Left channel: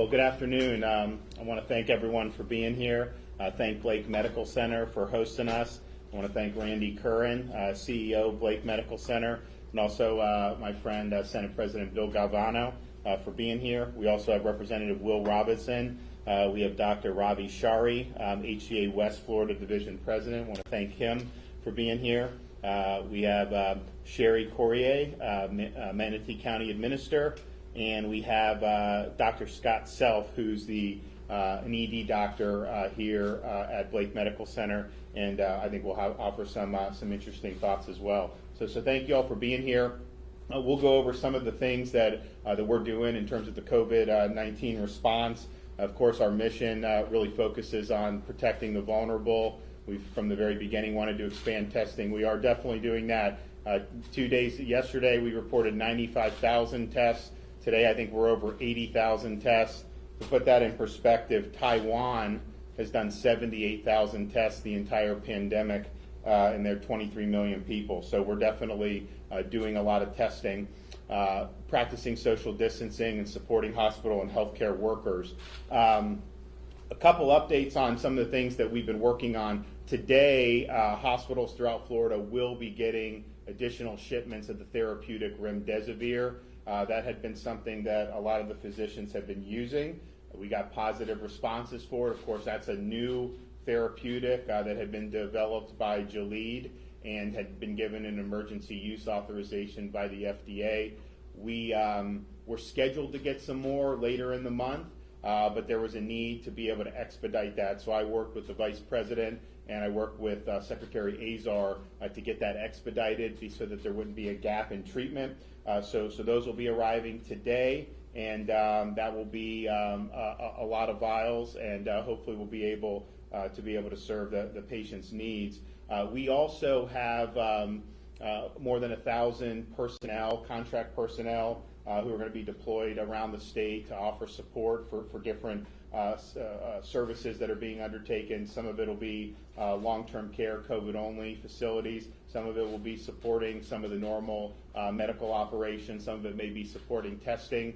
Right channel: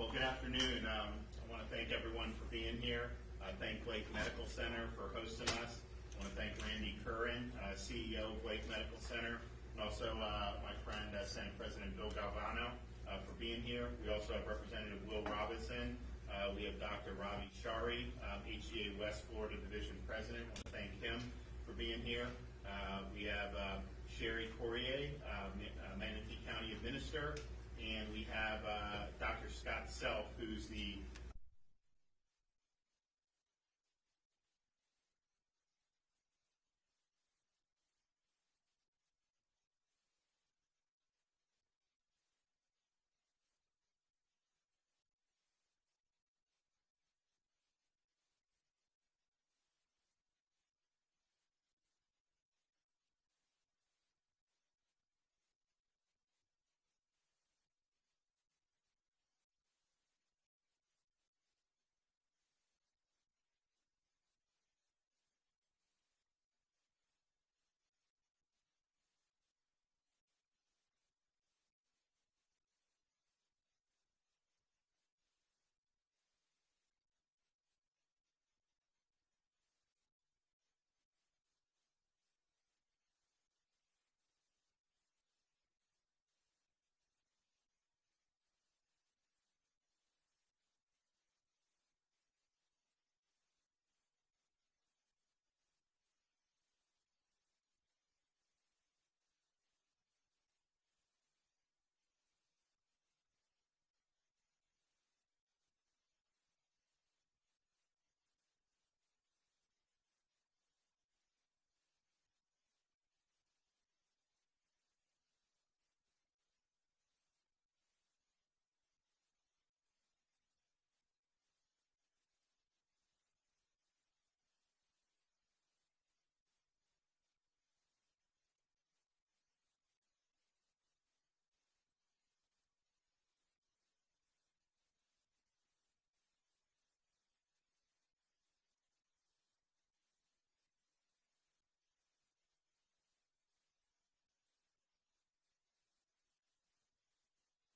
Well, good afternoon. I want to thank everyone for being here. Thank Blake Medical Center for hosting us. I want to thank Randy Curran, CEO of Blake Medical Center, and also my friend, Senate President Bill Galvano, for being here. We also have Representative Will Robinson. We have Dr. Ravi Shari, HCA West Florida Division President. I want to thank him for being here. We have Sherry Corrier, Manatee County Administrator, and we have Dr. Scott Self, who's an ED doctor here at Blake Medical Center, and I think we'll offer some interesting thoughts as well. So thank you all for being here. We'll go over some of the things that we're doing in terms of the COVID-19 response. Of course, our mission really focuses on protecting the vulnerable. We've, from the very beginning, wanted to expand testing. We are definitely doing that. 2 days yesterday, we reported 95,000 tests. Today, I think we're over 80,000 tests. To put that in perspective, Taiwan has done 78,000 tests the entire pandemic, and they're 23 million people. So we're definitely doing a lot of testing, practicing social distancing, and supporting hospital and healthcare workers. A couple updates on some of the things that we've been working on. Today, hospitals throughout Florida will be getting additional shipments of the therapeutic remdesivir. That had been something that a lot of the physicians have been using. We got positive responses for it. Of course, that's a new therapeutic that had been developed by Gilead and had been given an emergency use authorization by the FDA. We were scheduled to get some more later in the month, but there was a need to be able to expedite that. So I worked with the Vice President and I worked with Secretary Azar to get that expedited so that there wouldn't be a gap in treatment. So those will be arriving today, and that will be a lot of vials, and hopefully we'll be able to serve the patient's needs. We also have more than 1,000 personnel, contract personnel, who are going to be deployed around the state to offer support for different services that are being undertaken. Some of it will be long-term care, COVID-only facilities. Some of it will be supporting some of the normal medical operations. Some of it may be supporting testing.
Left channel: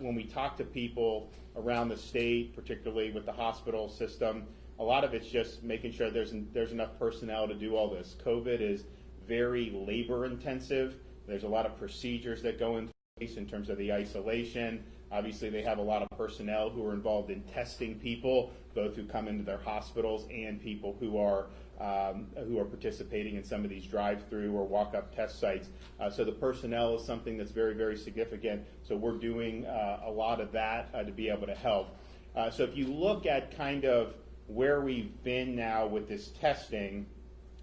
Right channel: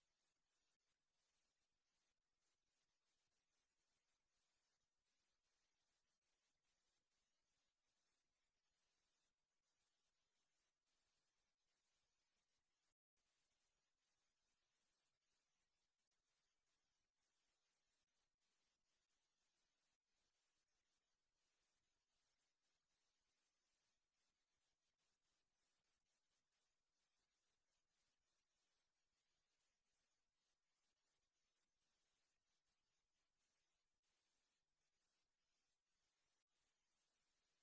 When we talk to people around the state, particularly with the hospital system, a lot of it's just making sure there's enough personnel to do all this. COVID is very labor intensive. There's a lot of procedures that go into place in terms of the isolation. Obviously, they have a lot of personnel who are involved in testing people, both who come into their hospitals and people who are participating in some of these drive-through or walk-up test sites. So the personnel is something that's very, very significant. So we're doing a lot of that to be able to help. So if you look at kind of where we've been now with this testing,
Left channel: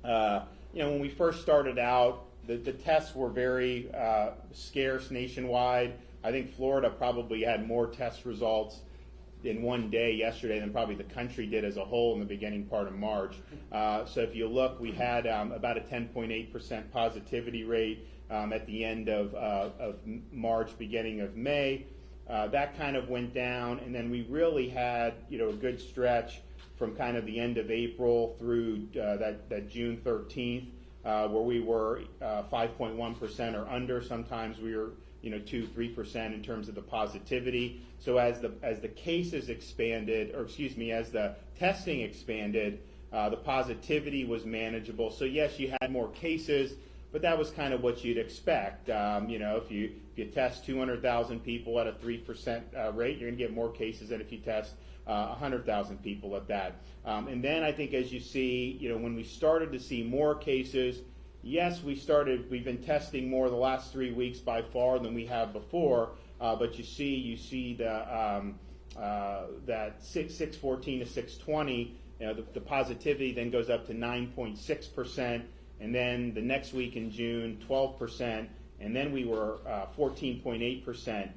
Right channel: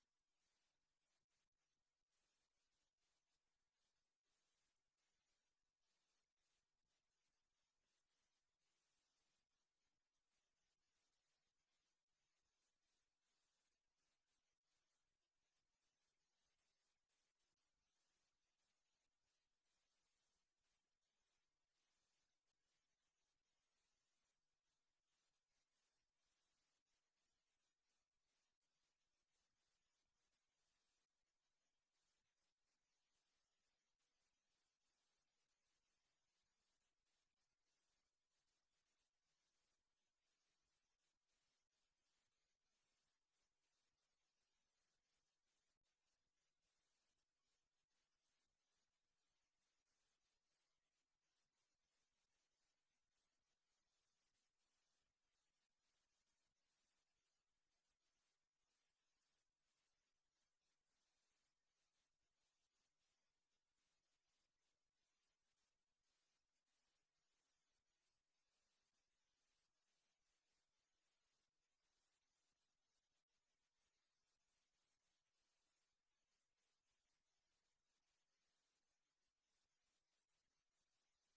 when we first started out, the tests were very scarce nationwide. I think Florida probably had more test results in one day yesterday than probably the country did as a whole in the beginning part of March. So if you look, we had about a 10.8% positivity rate at the end of March, beginning of May. That kind of went down, and then we really had a good stretch from kind of the end of April through that June 13th, where we were 5.1% or under. Sometimes we were 2-3% in terms of the positivity. So as the cases expanded, as the testing expanded, the positivity was manageable. So yes, you had more cases, but that was kind of what you'd expect. If you test 200,000 people at a 3% rate, you're going to get more cases than if you test 100,000 people at that. And then I think as you see, when we started to see more cases, yes, we've been testing more the last 3 weeks by far than we have before, but you see that 614 to 620, the positivity then goes up to 9.6%, and then the next week in June, 12%, and then we were 14.8%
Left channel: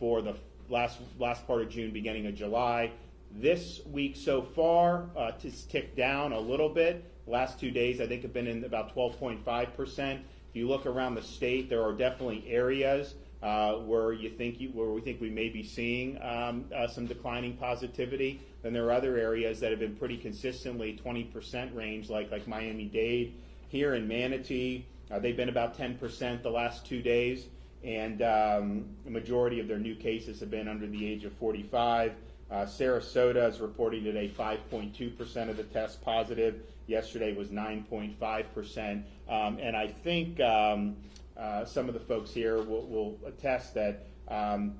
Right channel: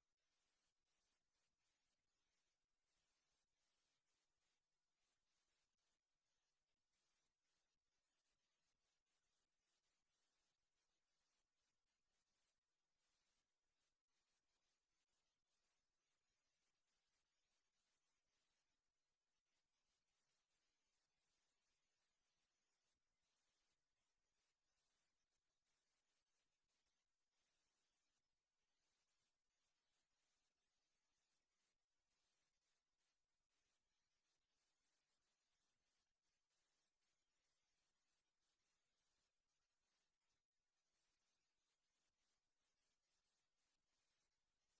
for the last part of June, beginning of July. This week so far, it's ticked down a little bit. Last 2 days, I think, have been in about 12.5%. If you look around the state, there are definitely areas where we think we may be seeing some declining positivity. Then there are other areas that have been pretty consistently 20% range, like Miami-Dade. Here in Manatee, they've been about 10% the last 2 days. and the majority of their new cases have been under the age of 45. Sarasota is reporting today 5.2% of the tests positive. Yesterday was 9.5%. And I think some of the folks here will attest that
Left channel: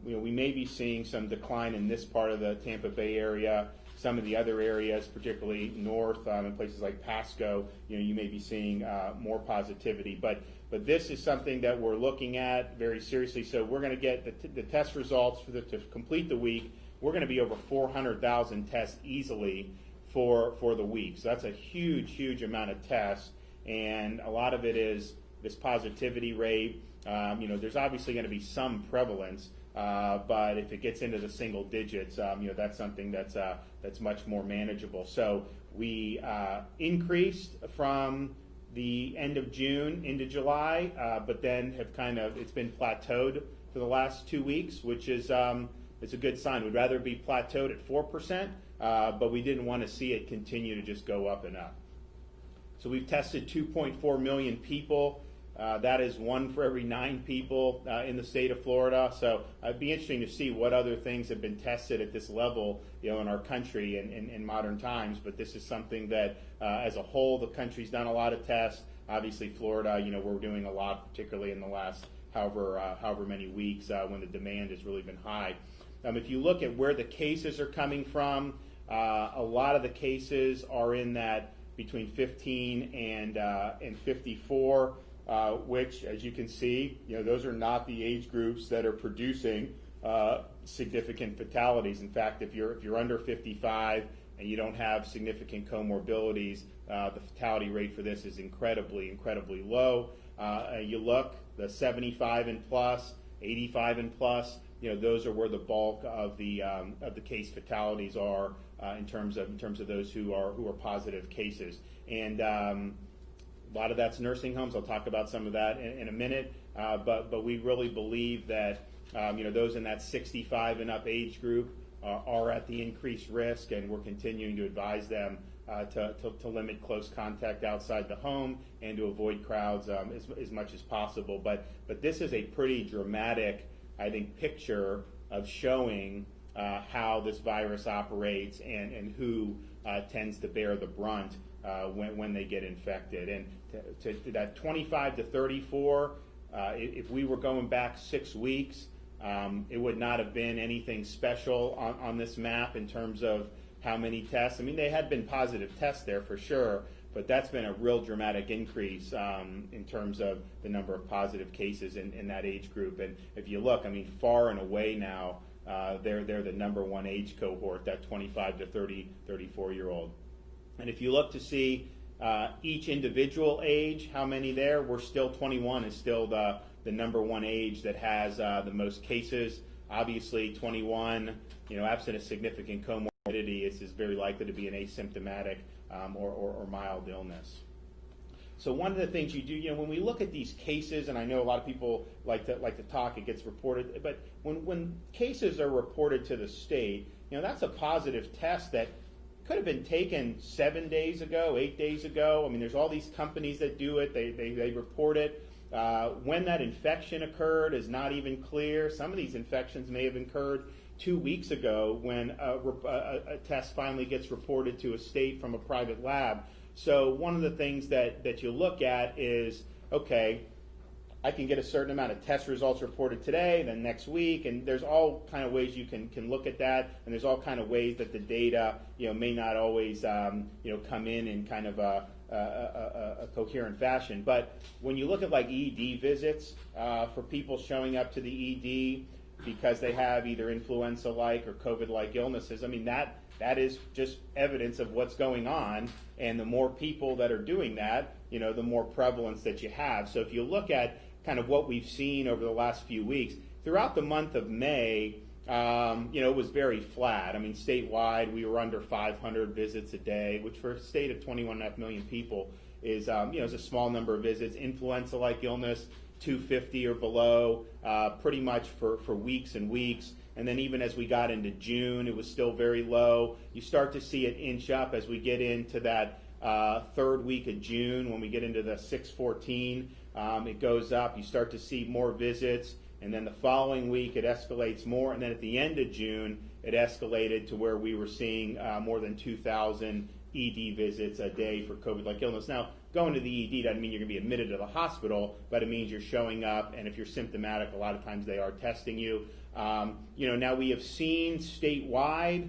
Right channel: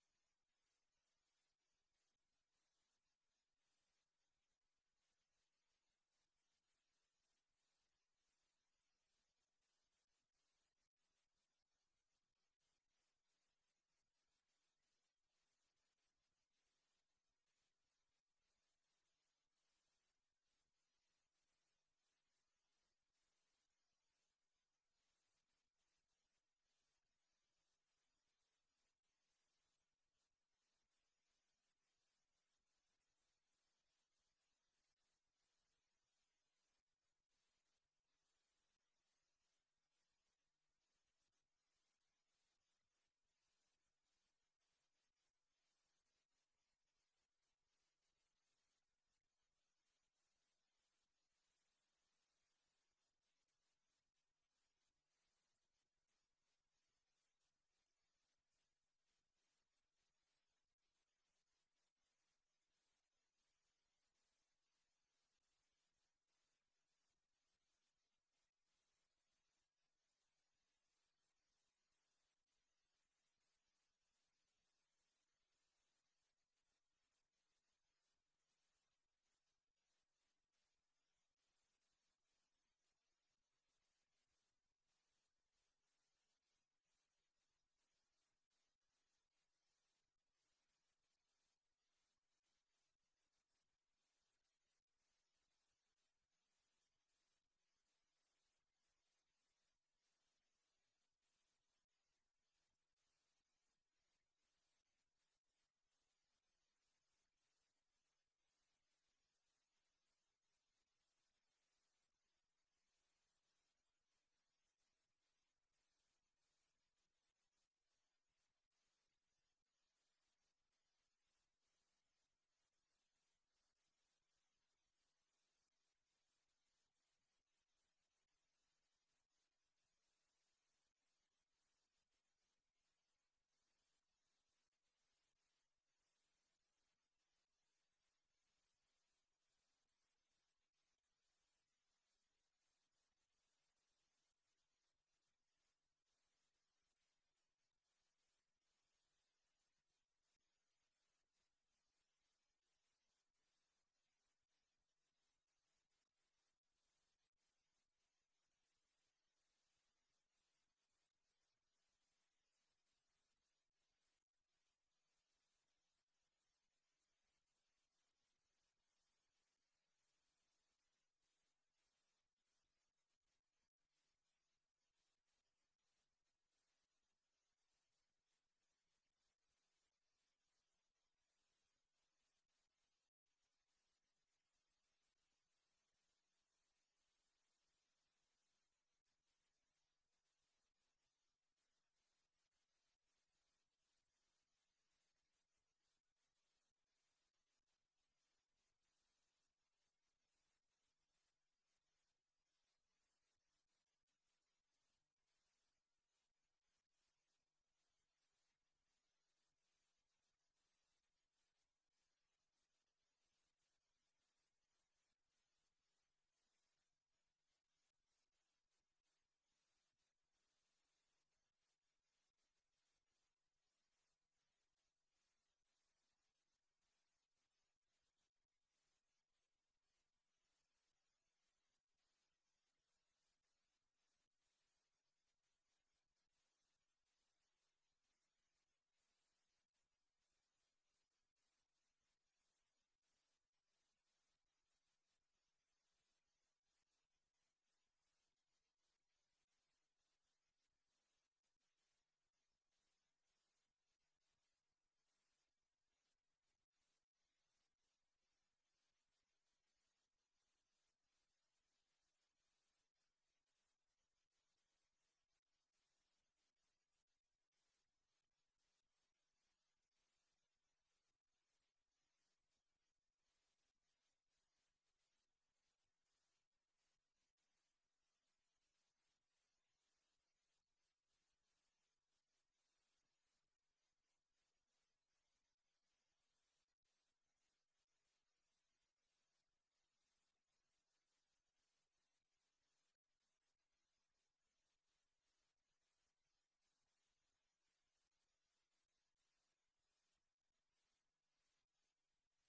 we may be seeing some decline in this part of the Tampa Bay area. Some of the other areas, particularly north in places like Pasco, you may be seeing more positivity. But this is something that we're looking at very seriously. So we're going to get the test results to complete the week. We're going to be over 400,000 tests easily for the week. So that's a huge amount of tests, and a lot of it is this positivity rate. There's obviously going to be some prevalence, but if it gets into the single digits, that's something that's much more manageable. So we increased from the end of June into July, but then it's been plateaued for the last 2 weeks, which is it's a good sign. We'd rather be plateaued at 4%, but we didn't want to see it continue to just go up and up. So we've tested 2.4 million people. That is 1 for every 9 people in the state of Florida. So it'd be interesting to see what other things have been tested at this level, in our country in modern times. But this is something that, as a whole, the country's done a lot of tests. Obviously, Florida, we're doing a lot, particularly in the last however many weeks when the demand has really been high. If you look at where the cases are coming from, a lot of the cases are in that between 15 and 54. Which, as you can see, those are not the age groups that are producing significant fatalities. In fact, if you're under 55 and you don't have significant comorbidities, the fatality rate for this is incredibly low. You look, the 75 and plus, 85 and plus, those are where the bulk of the case fatalities are in terms of those who are positive cases. And a lot of that's nursing homes. I'll talk about some of that in a minute. But we really believe that those in that 65 and up age group are at the increased risk, and we're continuing to advise them to limit close contact outside the home and to avoid crowds as much as possible. But this is a pretty dramatic, I think, picture of showing how this virus operates and who tends to bear the brunt when they get infected. And to that 25 to 34, if we were going back 6 weeks, it would not have been anything special on this map in terms of how many tests. I mean, they had been positive tests there for sure, but that's been a real dramatic increase in terms of the number of positive cases in that age group. And if you look, I mean, far and away now, they're the number one age cohort, that 25 to 34-year-old. And if you look to see each individual age, how many there, we're still 21 is still the number one age that has the most cases. Obviously, 21, absent a significant comorbidity, is very likely to be an asymptomatic or mild illness. So one of the things you do, when we look at these cases, and I know a lot of people like to talk, it gets reported, but when cases are reported to the state, that's a positive test that could have been taken 7 days ago, 8 days ago. I mean, there's all these companies that do it. They report it. When that infection occurred is not even clear. Some of these infections may have occurred 2 weeks ago when a test finally gets reported to a state from a private lab. So one of the things that you look at is, okay, I can get a certain amount of test results reported today, then next week, and there's all kind of ways you can look at that, and there's all kind of ways that the data, may not always, come in kind of a coherent fashion. But when you look at like ED visits for people showing up to the ED because they have either influenza-like or COVID-like illnesses, I mean, that is just evidence of what's going on, and the more people that are doing that, the more prevalence that you have. So if you look at kind of what we've seen over the last few weeks, throughout the month of May, it was very flat. I mean, statewide, we were under 500 visits a day, which for a state of 21.5 million people is, is a small number of visits. Influenza-like illness, 250 or below, pretty much for weeks and weeks. And then even as we got into June, it was still very low. You start to see it inch up as we get into that third week of June. When we get into the 614, it goes up. You start to see more visits. and then the following week it escalates more, and then at the end of June it escalated to where we were seeing more than 2,000 ED visits a day for COVID-like illness. Now, going to the ED doesn't mean you're going to be admitted to the hospital, but it means you're showing up, and if you're symptomatic, a lot of times they are testing you. Now we have seen statewide,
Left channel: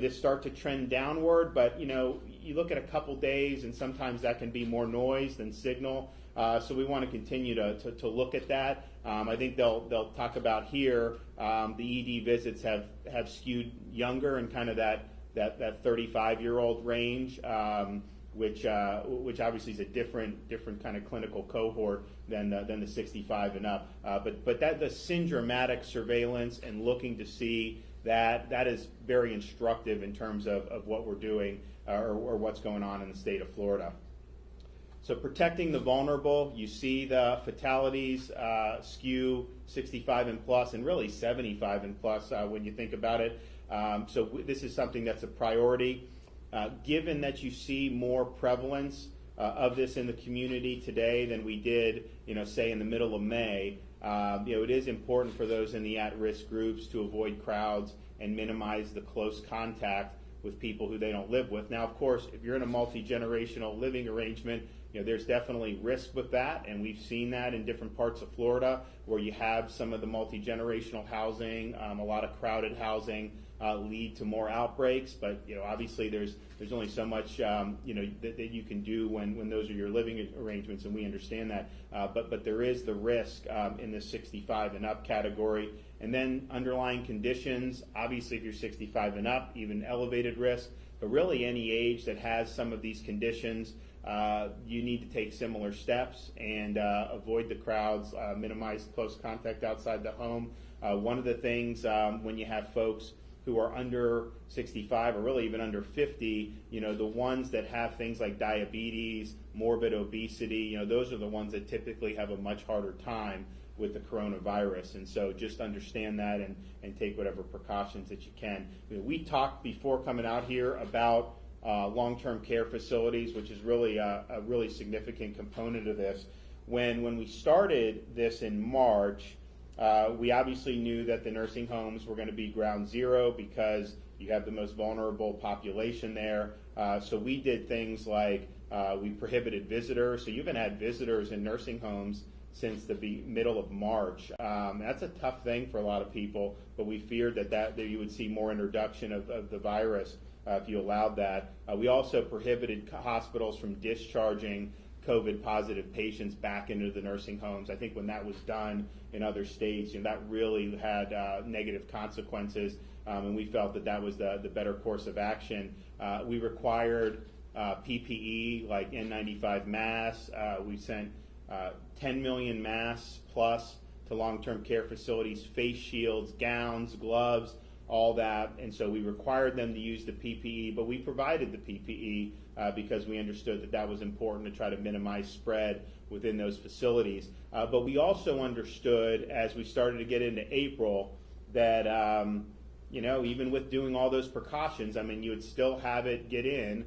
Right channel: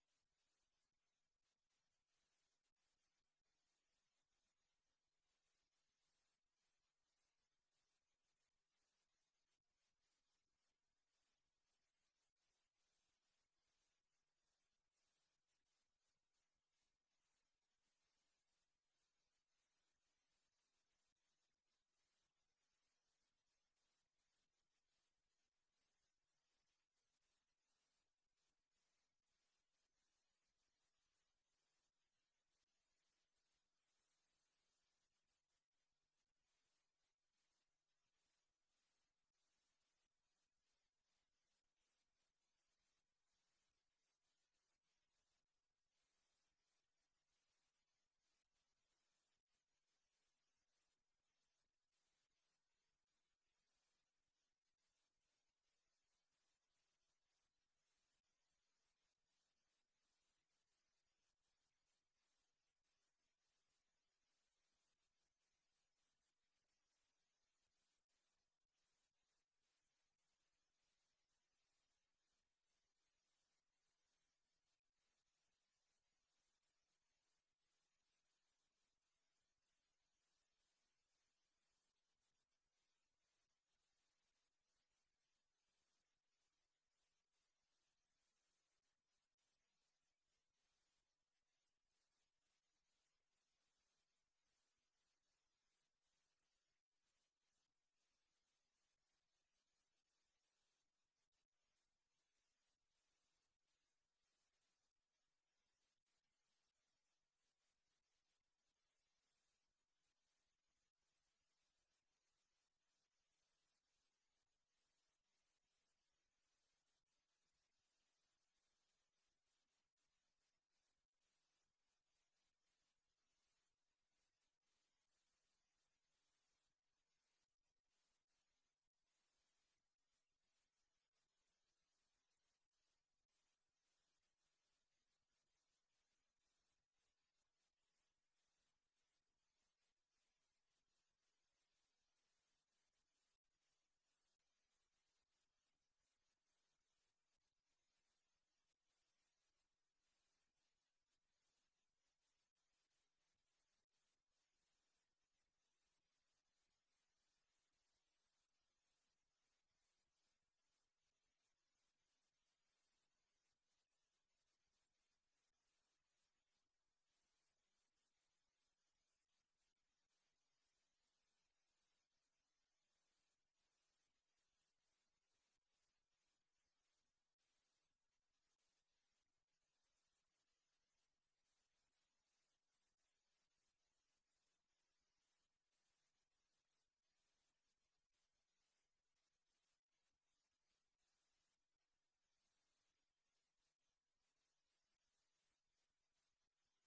this start to trend downward, but you look at a couple days, and sometimes that can be more noise than signal. So we want to continue to look at that. I think they'll talk about here the ED visits have skewed younger and kind of that 35-year-old range, which obviously is a different kind of clinical cohort than the 65 and up. But that the syndromatic surveillance and looking to see that is very instructive in terms of what we're doing or what's going on in the state of Florida. So protecting the vulnerable, you see the fatalities skew 65 and plus, and really 75 and plus when you think about it. So this is something that's a priority. Given that you see more prevalence of this in the community today than we did, say in the middle of May, it is important for those in the at-risk groups to avoid crowds and minimize the close contact with people who they don't live with. Now, of course, if you're in a multi-generational living arrangement, there's definitely risk with that, and we've seen that in different parts of Florida where you have some of the multi-generational housing, a lot of crowded housing lead to more outbreaks. But obviously there's only so much that you can do when those are your living arrangements, and we understand that. But there is the risk in the 65 and up category, and then underlying conditions. Obviously, if you're 65 and up, even elevated risk. But really, any age that has some of these conditions, you need to take similar steps and avoid the crowds, minimize close contact outside the home. One of the things when you have folks who are under 65 or really even under 50, the ones that have things like diabetes, morbid obesity, those are the ones that typically have a much harder time with the coronavirus. And so just understand that and take whatever precautions that you can. We talked before coming out here about long-term care facilities, which is really a really significant component of this. When we started this in March, we obviously knew that the nursing homes were going to be ground zero because you have the most vulnerable population there. So we did things like we prohibited visitors. So you haven't had visitors in nursing homes since the middle of March. That's a tough thing for a lot of people, but we feared that you would see more introduction of the virus if you allowed that. We also prohibited hospitals from discharging COVID-positive patients back into the nursing homes. I think when that was done in other states, that really had negative consequences, and we felt that was the better course of action. We required PPE like N95 masks. We sent 10 million masks plus to long-term care facilities, face shields, gowns, gloves, all that, and so we required them to use the PPE, but we provided the PPE because we understood that was important to try to minimize spread within those facilities. But we also understood as we started to get into April that, even with doing all those precautions, you would still have it get in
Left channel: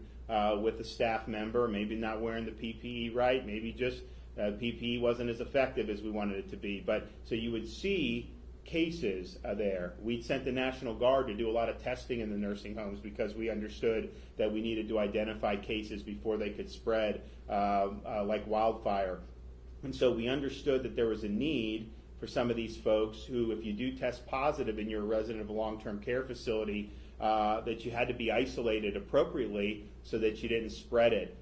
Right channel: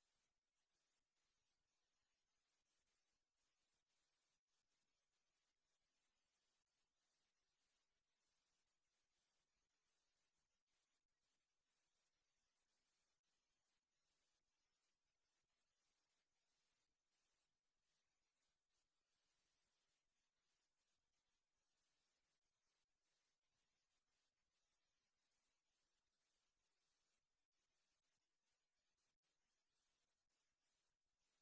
with a staff member, maybe not wearing the PPE right, maybe just PPE wasn't as effective as we wanted it to be. But so you would see cases there. We sent the National Guard to do a lot of testing in the nursing homes because we understood that we needed to identify cases before they could spread like wildfire. And so we understood that there was a need for some of these folks who, if you do test positive and you're a resident of a long-term care facility, that you had to be isolated appropriately so that you didn't spread it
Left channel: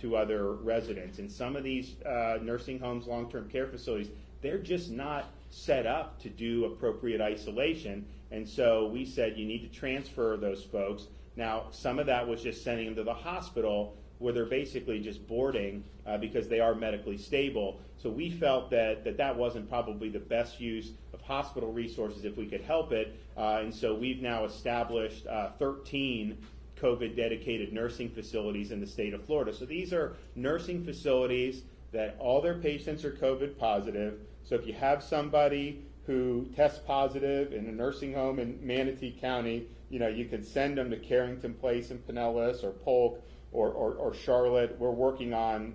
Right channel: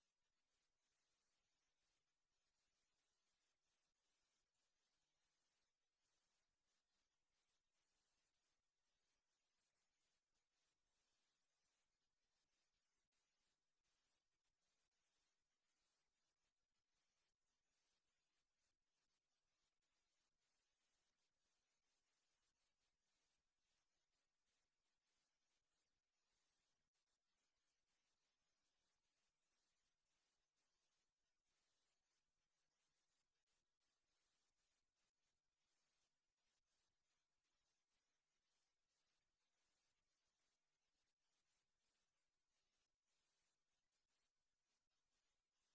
to other residents. And some of these nursing homes, long-term care facilities, they're just not set up to do appropriate isolation, and so we said you need to transfer those folks. Now, some of that was just sending them to the hospital where they're basically just boarding because they are medically stable. So we felt that wasn't probably the best use of hospital resources if we could help it, and so we've now established 13 COVID-dedicated nursing facilities in the state of Florida. So these are nursing facilities that all their patients are COVID positive. So if you have somebody who tests positive in a nursing home in Manatee County, you can send them to Carrington Place in Pinellas or Polk or Charlotte. We're working on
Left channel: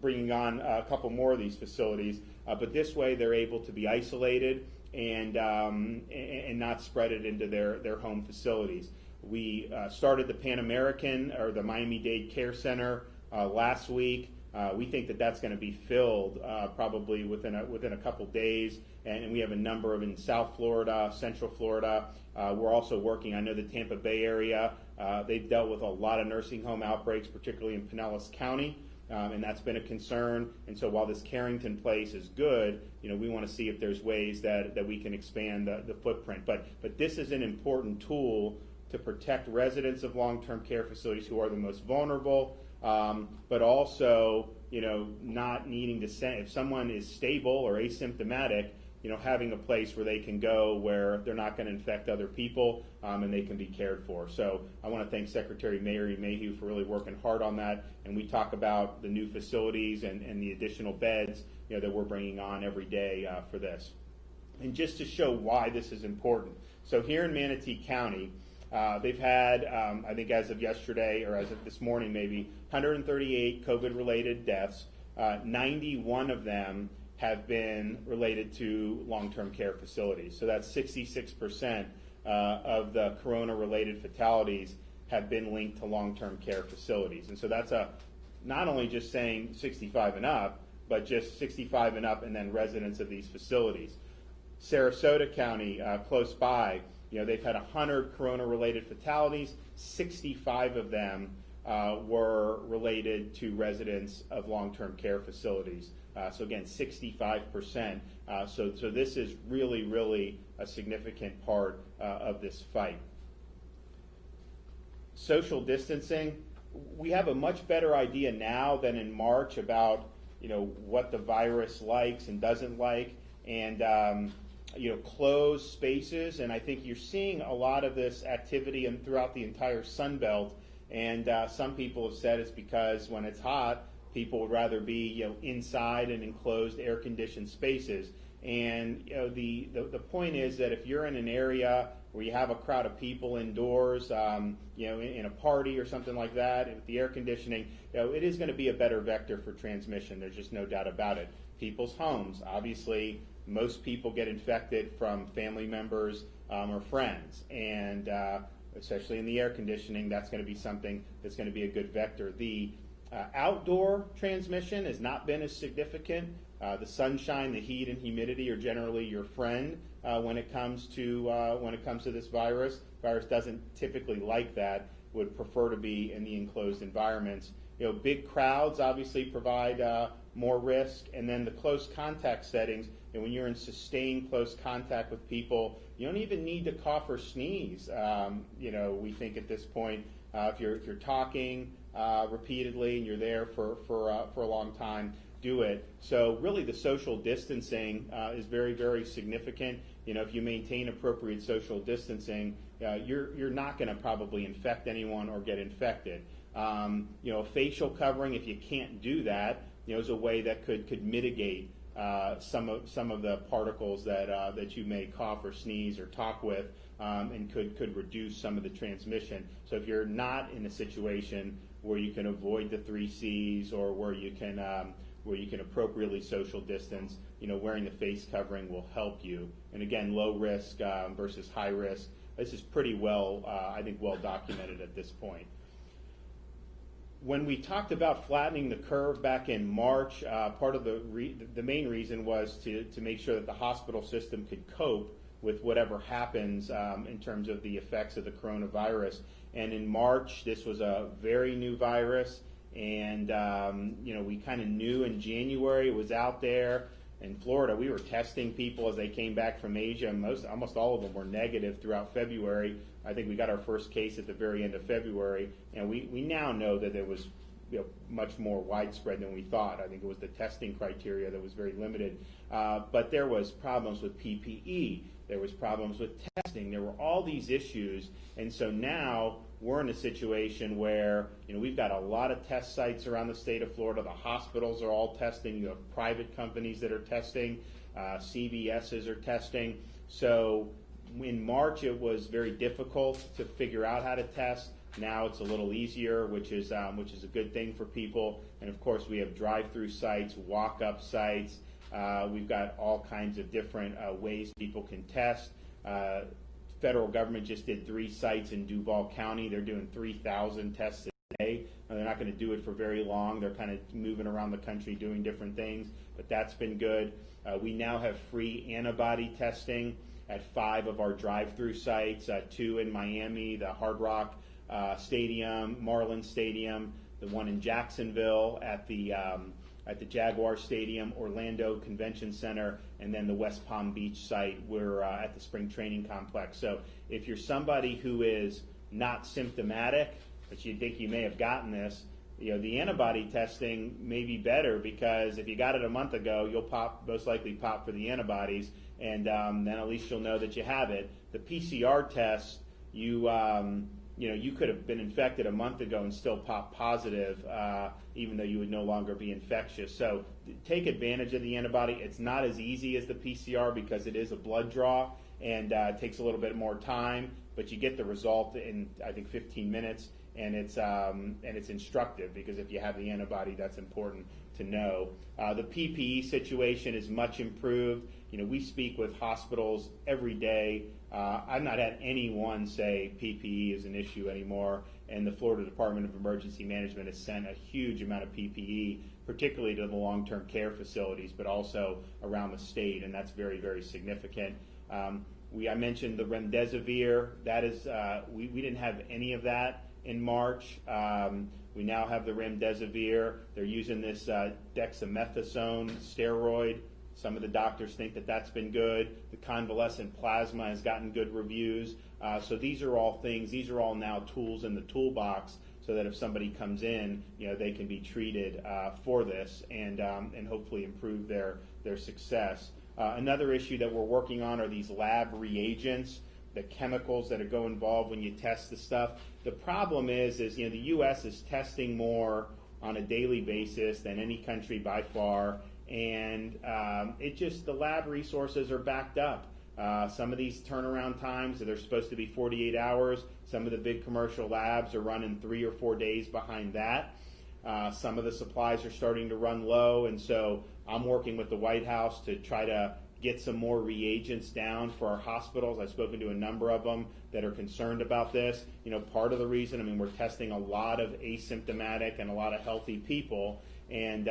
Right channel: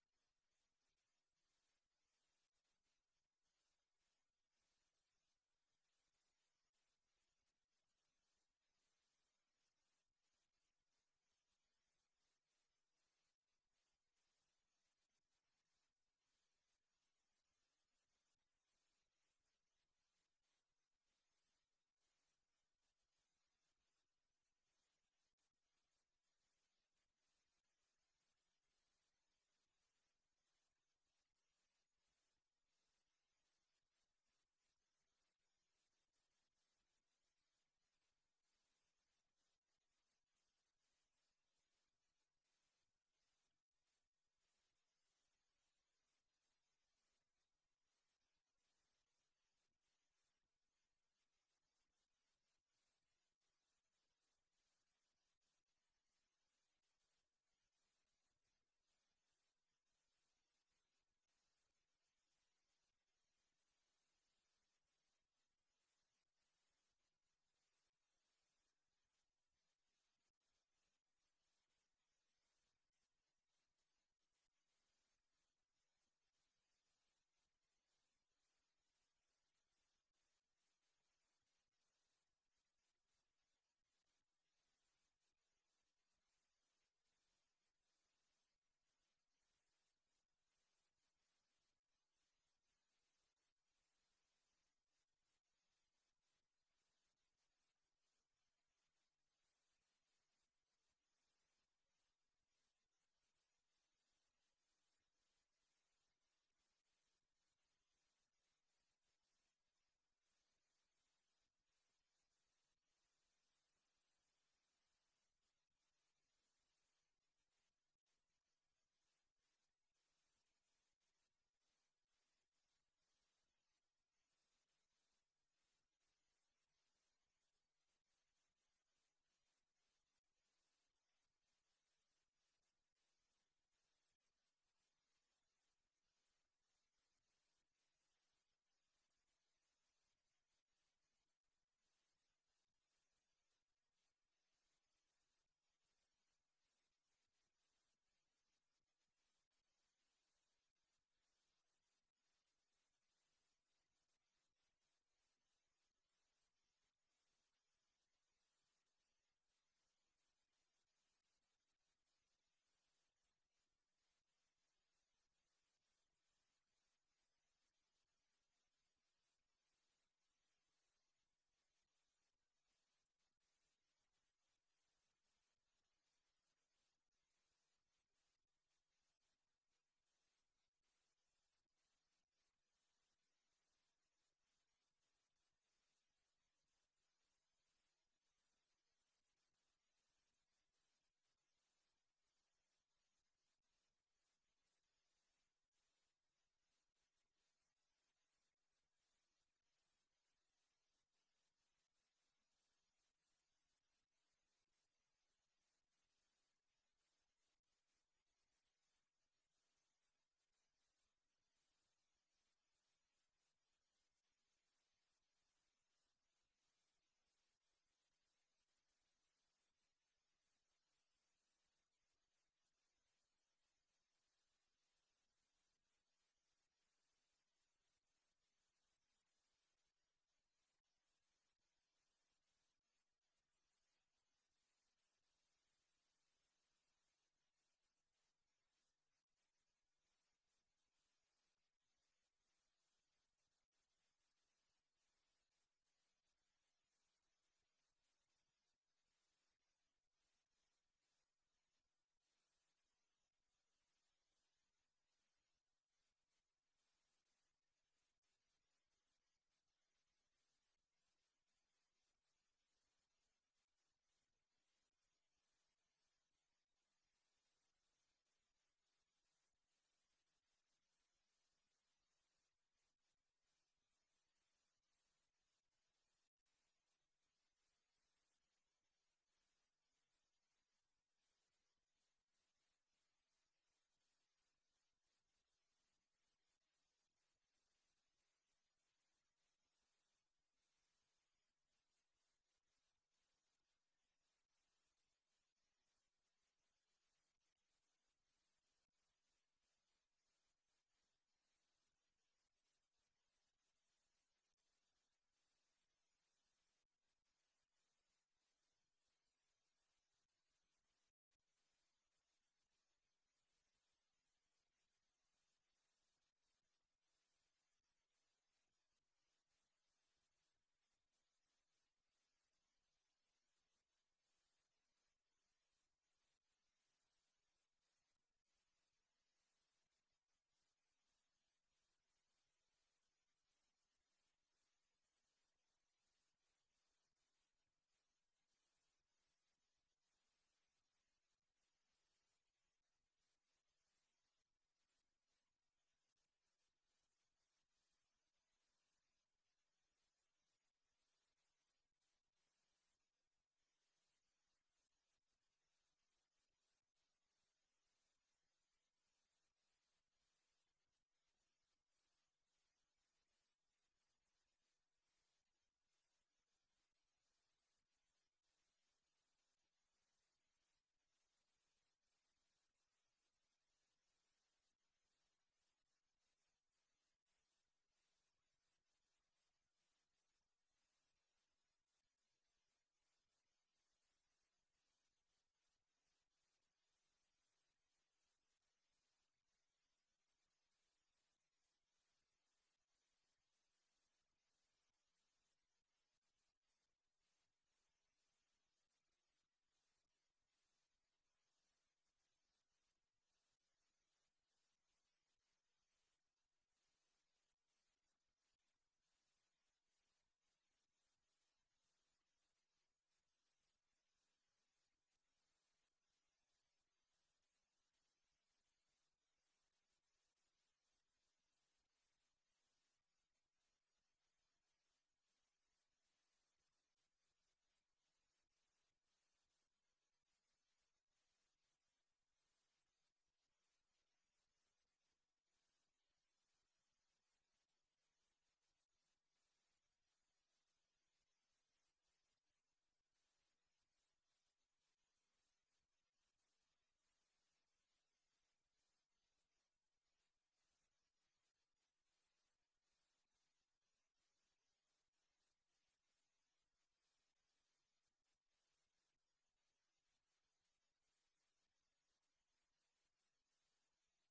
bringing on a couple more of these facilities. but this way they're able to be isolated and not spread it into their home facilities. We started the Pan American, or the Miami-Dade Care Center, last week. We think that that's going to be filled probably within a couple days, and we have a number of in South Florida, Central Florida. We're also working, I know the Tampa Bay area, they've dealt with a lot of nursing home outbreaks, particularly in Pinellas County, and that's been a concern. And so while this Carrington place is good, we want to see if there's ways that we can expand the footprint. But this is an important tool to protect residents of long-term care facilities who are the most vulnerable, but also, not needing to send, if someone is stable or asymptomatic, having a place where they can go where they're not going to infect other people, and they can be cared for. So I want to thank Secretary Mary Mayhew for really working hard on that. And we talk about the new facilities and the additional beds, that we're bringing on every day for this. And just to show why this is important. So here in Manatee County, they've had, I think as of yesterday, or as of this morning maybe, 138 COVID-related deaths. 91 of them have been related to long-term care facilities. So that's 66% of the corona-related fatalities have been linked to long-term care facilities. And so that's not only just saying 65 and up, but just 65 and up and then residents of these facilities. Sarasota County, close by, they've had 100 corona-related fatalities. 65 of them were related to residents of long-term care facilities. So again, 65%. So this is really, really a significant part of this fight. Social distancing. We have a much better idea now than in March about what the virus likes and doesn't like, and closed spaces. And I think you're seeing a lot of this activity throughout the entire Sun Belt. And some people have said it's because when it's hot, people would rather be inside and enclosed air-conditioned spaces. And the point is that if you're in an area where you have a crowd of people indoors, in a party or something like that, with the air conditioning, it is going to be a better vector for transmission. There's just no doubt about it. People's homes, obviously, most people get infected from family members or friends, and especially in the air conditioning, that's going to be something that's going to be a good vector. The outdoor transmission has not been as significant. The sunshine, the heat, and humidity are generally your friend when it comes to this virus. Virus doesn't typically like that. Would prefer to be in the enclosed environments. Big crowds obviously provide more risk, and then the close contact settings. And when you're in sustained close contact with people, you don't even need to cough or sneeze. We think at this point, if you're talking repeatedly and you're there for a long time, do it. So really, the social distancing is very, very significant. If you maintain appropriate social distancing, you're not going to probably infect anyone or get infected. A facial covering, if you can't do that, is a way that could mitigate some of the particles that you may cough or sneeze or talk with, and could reduce some of the transmission. So if you're not in a situation where you can avoid the 3 C's, or where you can appropriately social distance, wearing the face covering will help you. And again, low risk versus high risk. This is pretty well, I think, well documented at this point. When we talked about flattening the curve back in March, part of the main reason was to make sure that the hospital system could cope with whatever happens in terms of the effects of the coronavirus. And in March, this was a very new virus, and we kind of knew in January it was out there. In Florida, we were testing people as they came back from Asia. Almost all of them were negative throughout February. I think we got our first case at the very end of February, and we now know that it was much more widespread than we thought. I think it was the testing criteria that was very limited. But there was problems with PPE. There was problems with testing. There were all these issues. And so now we're in a situation where we've got a lot of test sites around the state of Florida. The hospitals are all testing. You have private companies that are testing. CVSs are testing. So in March, it was very difficult to figure out how to test. Now it's a little easier, which is a good thing for people. And of course, we have drive-through sites, walk-up sites, We've got all kinds of different ways people can test. Federal government just did 3 sites in Duval County. They're doing 3,000 tests a day. They're not going to do it for very long. They're kind of moving around the country doing different things, but that's been good. We now have free antibody testing at 5 of our drive-through sites, 2 in Miami, the Hard Rock Stadium, Marlins Stadium, the one in Jacksonville at the Jaguar Stadium, Orlando Convention Center, and then the West Palm Beach site. We're at the Spring Training Complex. So if you're somebody who is not symptomatic, but you think you may have gotten this, the antibody testing may be better, because if you got it a month ago, you'll most likely pop for the antibodies, and then at least you'll know that you have it. The PCR test, you could have been infected a month ago and still pop positive, even though you would no longer be infectious. So take advantage of the antibody. It's not as easy as the PCR because it is a blood draw, and it takes a little bit more time, but you get the result in, I think, 15 minutes. And it's instructive, because if you have the antibody, that's important to know. The PPE situation is much improved. We speak with hospitals every day. I've not had anyone say PPE is an issue anymore, and the Florida Department of Emergency Management has sent a huge amount of PPE, particularly to the long-term care facilities, but also around the state, and that's very, very significant. I mentioned the remdesivir. That is, we didn't have any of that in March. We now have the remdesivir. They're using this dexamethasone steroid. Some of the doctors think that that's been good. The convalescent plasma has gotten good reviews. So these are all things, these are all now tools in the toolbox, so that if somebody comes in, they can be treated for this and hopefully improve their success. Another issue that we're working on are these lab reagents, the chemicals that go involved when you test the stuff. The problem is the U.S. is testing more on a daily basis than any country by far, and the lab resources are backed up. Some of these turnaround times, they're supposed to be 48 hours. Some of the big commercial labs are running 3 or 4 days behind that. Some of the supplies are starting to run low, and so I'm working with the White House to try to get some more reagents down for our hospitals. I've spoken to a number of them that are concerned about this. Part of the reason, we're testing a lot of asymptomatic and a lot of healthy people, and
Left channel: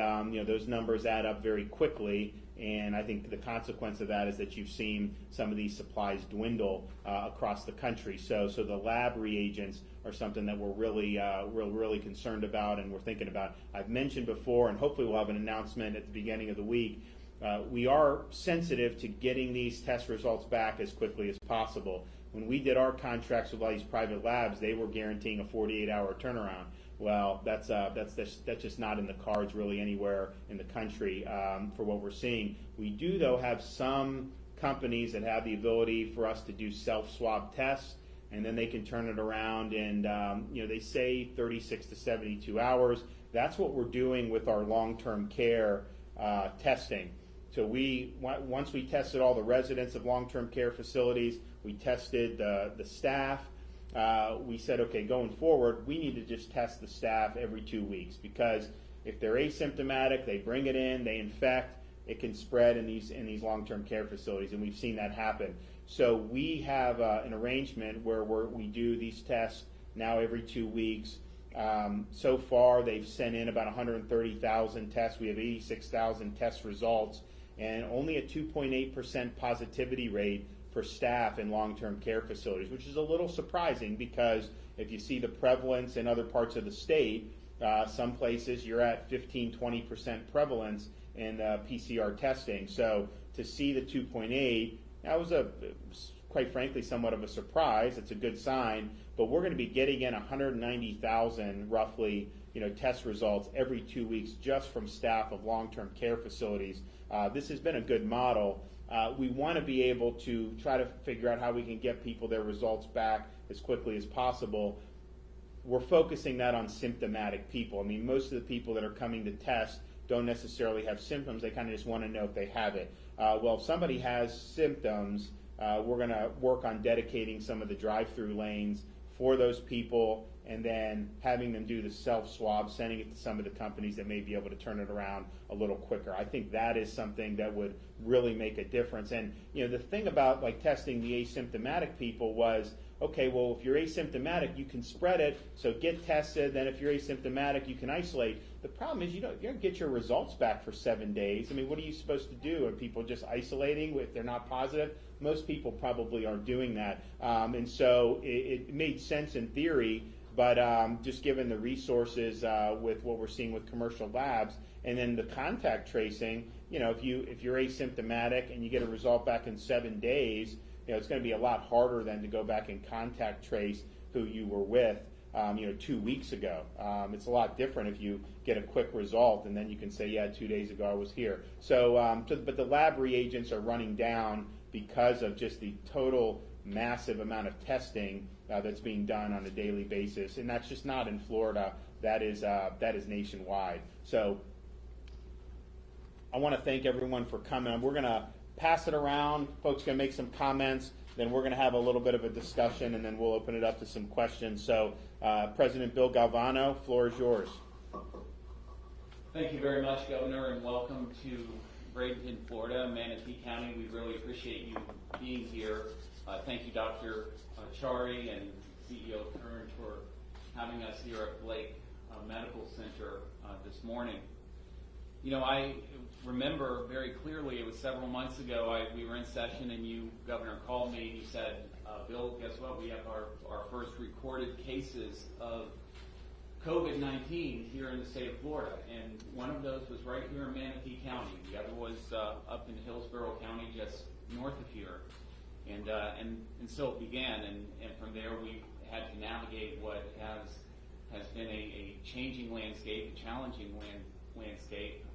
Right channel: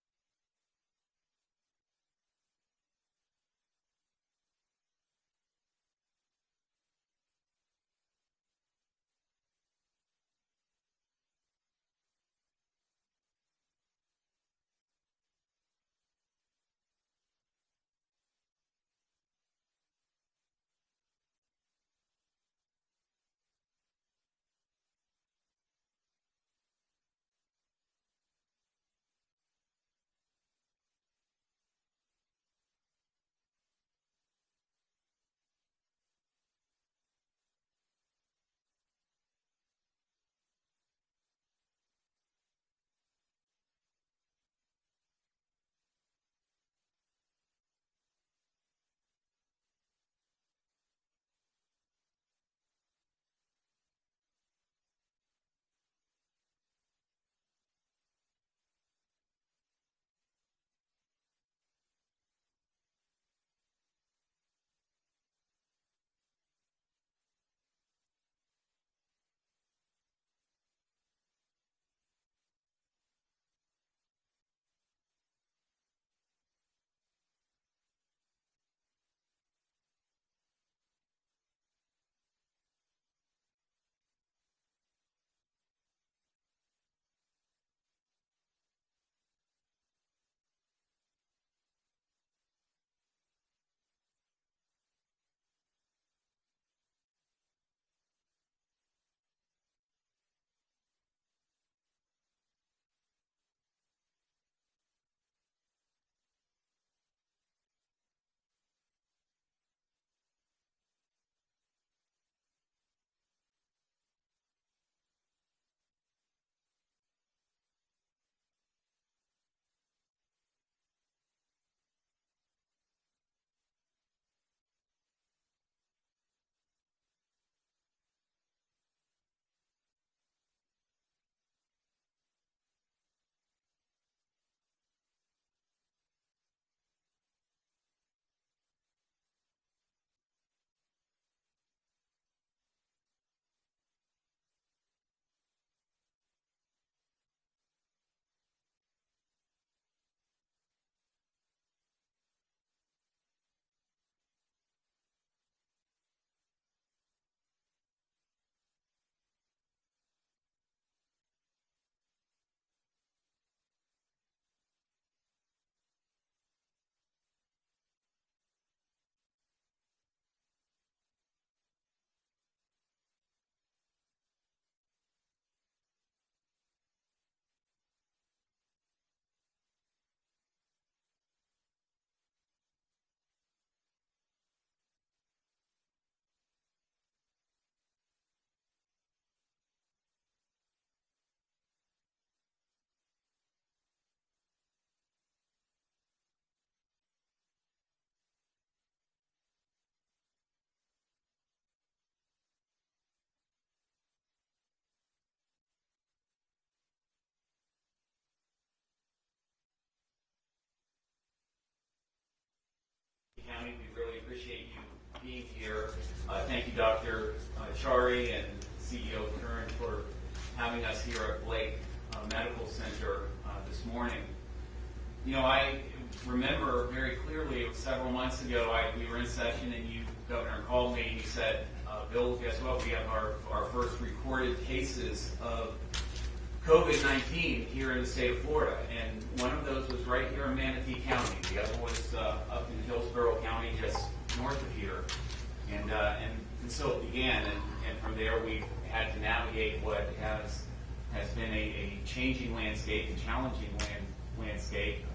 those numbers add up very quickly. And I think the consequence of that is that you've seen some of these supplies dwindle across the country. So the lab reagents are something that we're really concerned about, and we're thinking about. I've mentioned before, and hopefully we'll have an announcement at the beginning of the week. We are sensitive to getting these test results back as quickly as possible. When we did our contracts with all these private labs, they were guaranteeing a 48-hour turnaround. Well, that's just not in the cards really anywhere in the country for what we're seeing. We do, though, have some companies that have the ability for us to do self-swab tests, and then they can turn it around, and they say 36 to 72 hours. That's what we're doing with our long-term care testing. So once we tested all the residents of long-term care facilities, we tested the staff. We said, okay, going forward, we need to just test the staff every 2 weeks, because if they're asymptomatic, they bring it in, they infect, it can spread in these long-term care facilities, and we've seen that happen. So we have an arrangement where we do these tests now every 2 weeks. So far, they've sent in about 130,000 tests. We have 86,000 test results, and only a 2.8% positivity rate for staff in long-term care facilities, which is a little surprising, because if you see the prevalence in other parts of the state, some places you're at 15-20% prevalence in PCR testing. So to see the 2.8, that was quite frankly somewhat of a surprise. It's a good sign, but we're going to be getting in 190,000 roughly test results every 2 weeks just from staff of long-term care facilities. This has been a good model. We want to be able to try to figure out how we can get people their results back as quickly as possible. We're focusing that on symptomatic people. Most of the people that are coming to test don't necessarily have symptoms. They kind of just want to know if they have it. Well, if somebody has symptoms, we're going to work on dedicating some of the drive-through lanes for those people, and then having them do the self-swab, sending it to some of the companies that may be able to turn it around a little quicker. I think that is something that would really make a difference. And the thing about like testing the asymptomatic people was, okay, well, if you're asymptomatic, you can spread it, so get tested. Then if you're asymptomatic, you can isolate. The problem is you don't get your results back for 7 days. I mean, what are you supposed to do? Are people just isolating if they're not positive? Most people probably aren't doing that. And so it made sense in theory, but just given the resources with what we're seeing with commercial labs, and then the contact tracing, if you're asymptomatic and you get a result back in 7 days, it's going to be a lot harder than to go back and contact trace who you were with, 2 weeks ago. It's a lot different if you get a quick result and then you can say, yeah, 2 days ago I was here. So, but the lab reagents are running down because of just the total massive amount of testing that's being done on a daily basis, and that's just not in Florida. That is nationwide. So I want to thank everyone for coming. We're going to pass it around. Folks are going to make some comments. Then we're going to have a little bit of a discussion, and then we'll open it up to some questions. So President Bill Galvano, floor is yours. Thank you very much, Governor, and welcome to Bradenton, Florida, Manatee County. We really appreciate you being here. Thank you, Dr. Chari and CEO Curran, for having us here at Blake Medical Center this morning. I remember very clearly, it was several months ago, we were in session and you, Governor, called me and you said, Bill, guess what? We have our first recorded cases of COVID-19 here in the state of Florida. And one of those was right here in Manatee County. The other was up in Hillsborough County, just north of here. And so it began. And from there, we had to navigate what has been a changing landscape, a challenging landscape,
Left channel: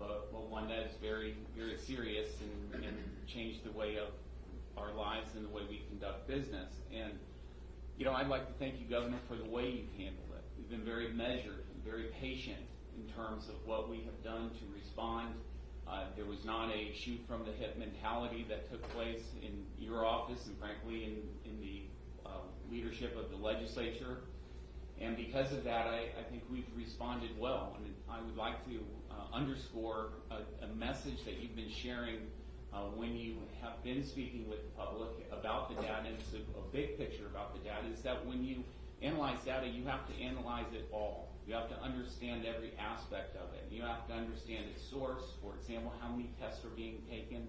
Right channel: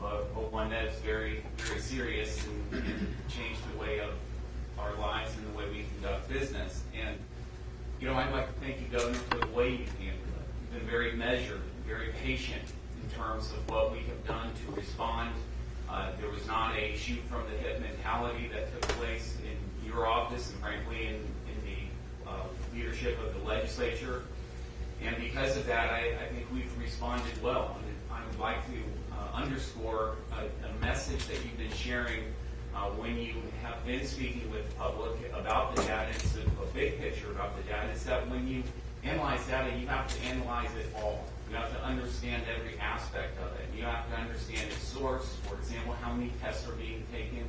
but one that's very, very serious and changed the way of our lives and the way we conduct business. And, I'd like to thank you, Governor, for the way you've handled it. You've been very measured, very patient in terms of what we have done to respond. There was not a shoot-from-the-hip mentality that took place in your office and, frankly, in the leadership of the legislature. And because of that, I think we've responded well. And I would like to underscore a message that you've been sharing when you have been speaking with the public about the data. It's a big picture about the data. It's that when you analyze data, you have to analyze it all. You have to understand every aspect of it. You have to understand its source. For example, how many tests are being taken?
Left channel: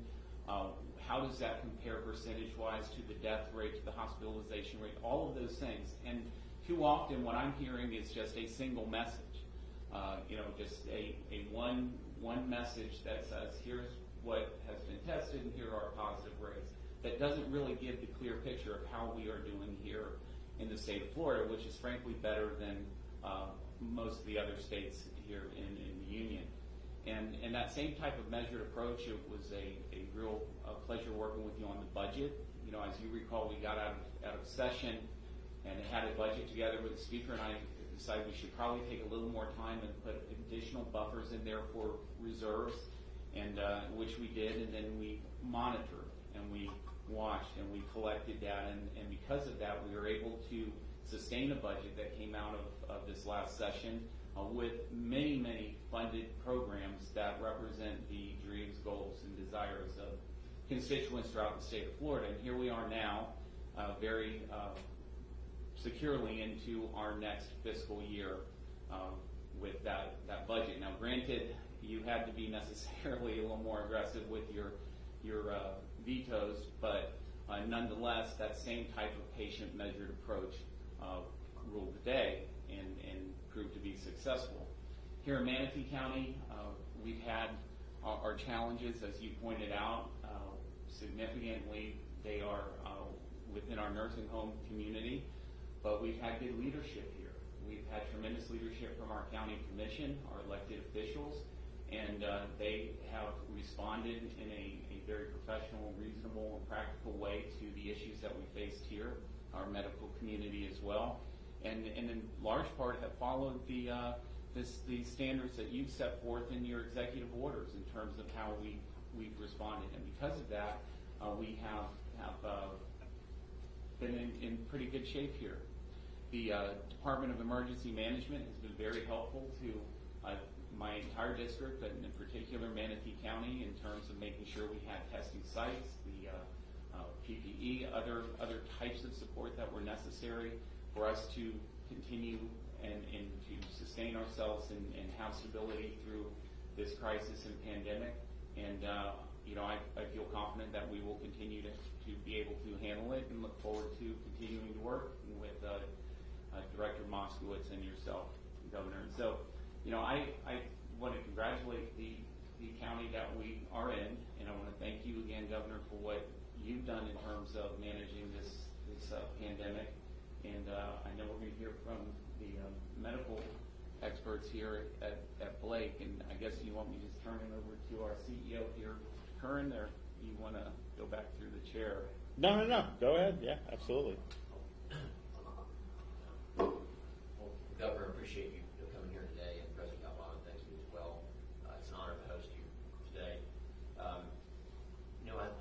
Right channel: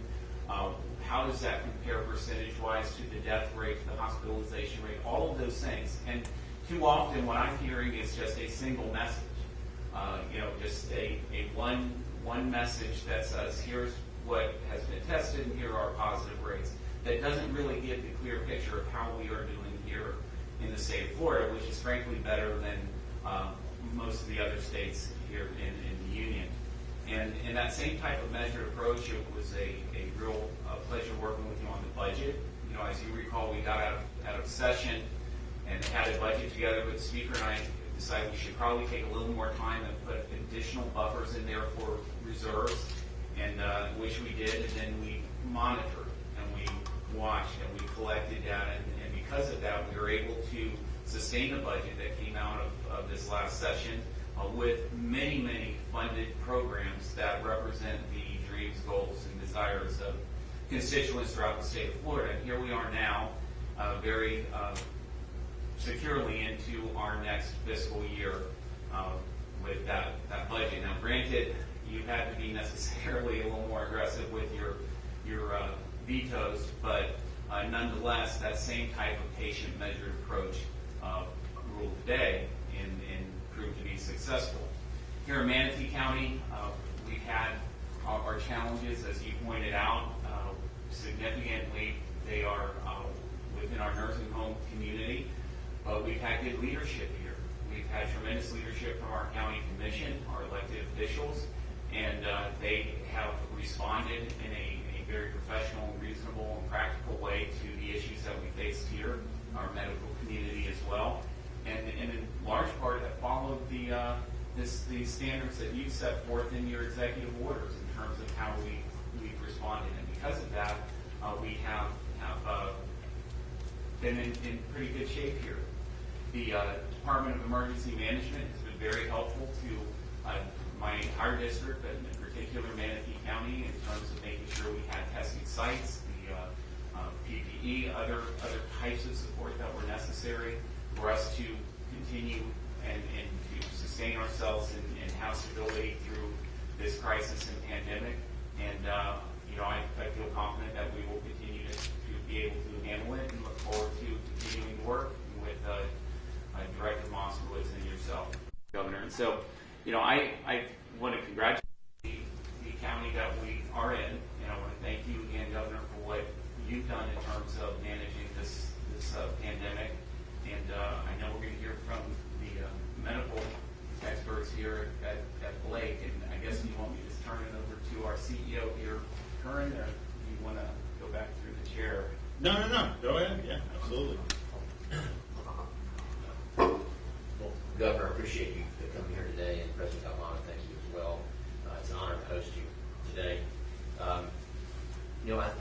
How does that compare percentage-wise to the death rate, to the hospitalization rate, all of those things. And too often what I'm hearing is just a single message. Just a one message that says, here's what has been tested and here are positive rates. That doesn't really give the clear picture of how we are doing here in the state of Florida, which is frankly better than most of the other states here in the Union. And in that same type of measured approach, it was a real pleasure working with you on the budget. As you recall, we got out of session and had a budget together with the Speaker, and I decided we should probably take a little more time and put additional buffers in there for reserves, and which we did, and then we monitored and we watched and we collected data, and because of that, we were able to sustain a budget that came out of this last session with many, many funded programs that represent the dreams, goals, and desires of constituents throughout the state of Florida. And here we are now, very securely into our next fiscal year with that budget. Now, granted, you had to be necessarily a little more aggressive with your vetoes, but nonetheless, that same type of patient measured approach ruled the day and proved to be successful. Here in Manatee County, we've had our challenges, as you pointed out, significantly. They are within our nursing home community, but we've had good leadership here. We've had tremendous leadership from our county commission, our elected officials, and they have responded in a very professional, reasonable, and practical way to the issues that we faced here, our medical community as well, and in large part have followed the standards that you've set forth in your executive orders in terms of how we've responded. And because of that, we have been in pretty good shape here. The Department of Emergency Management has been very helpful to my entire district, but in particular Manatee County, in terms of making sure we had testing sites, the PPE, other types of support that were necessary for us to continue and to sustain ourselves and have stability through this crisis and pandemic. And I feel confident that we will continue to be able to handle it and look forward to continuing to work with Director Moskowitz and yourself, Governor. And so, I want to congratulate the county that we are in, and I want to thank you again, Governor, for what you've done in terms of managing this pandemic. And I know we're going to hear from the medical experts here at Blake, and I guess you want me to just turn it over to our CEO here, Curran, or do you want to go back through the chair? No. Go ahead. Yeah, absolutely. Well, Governor, I appreciate you coming here today, and President Galvano, thank you as well. It's an honor to host you today.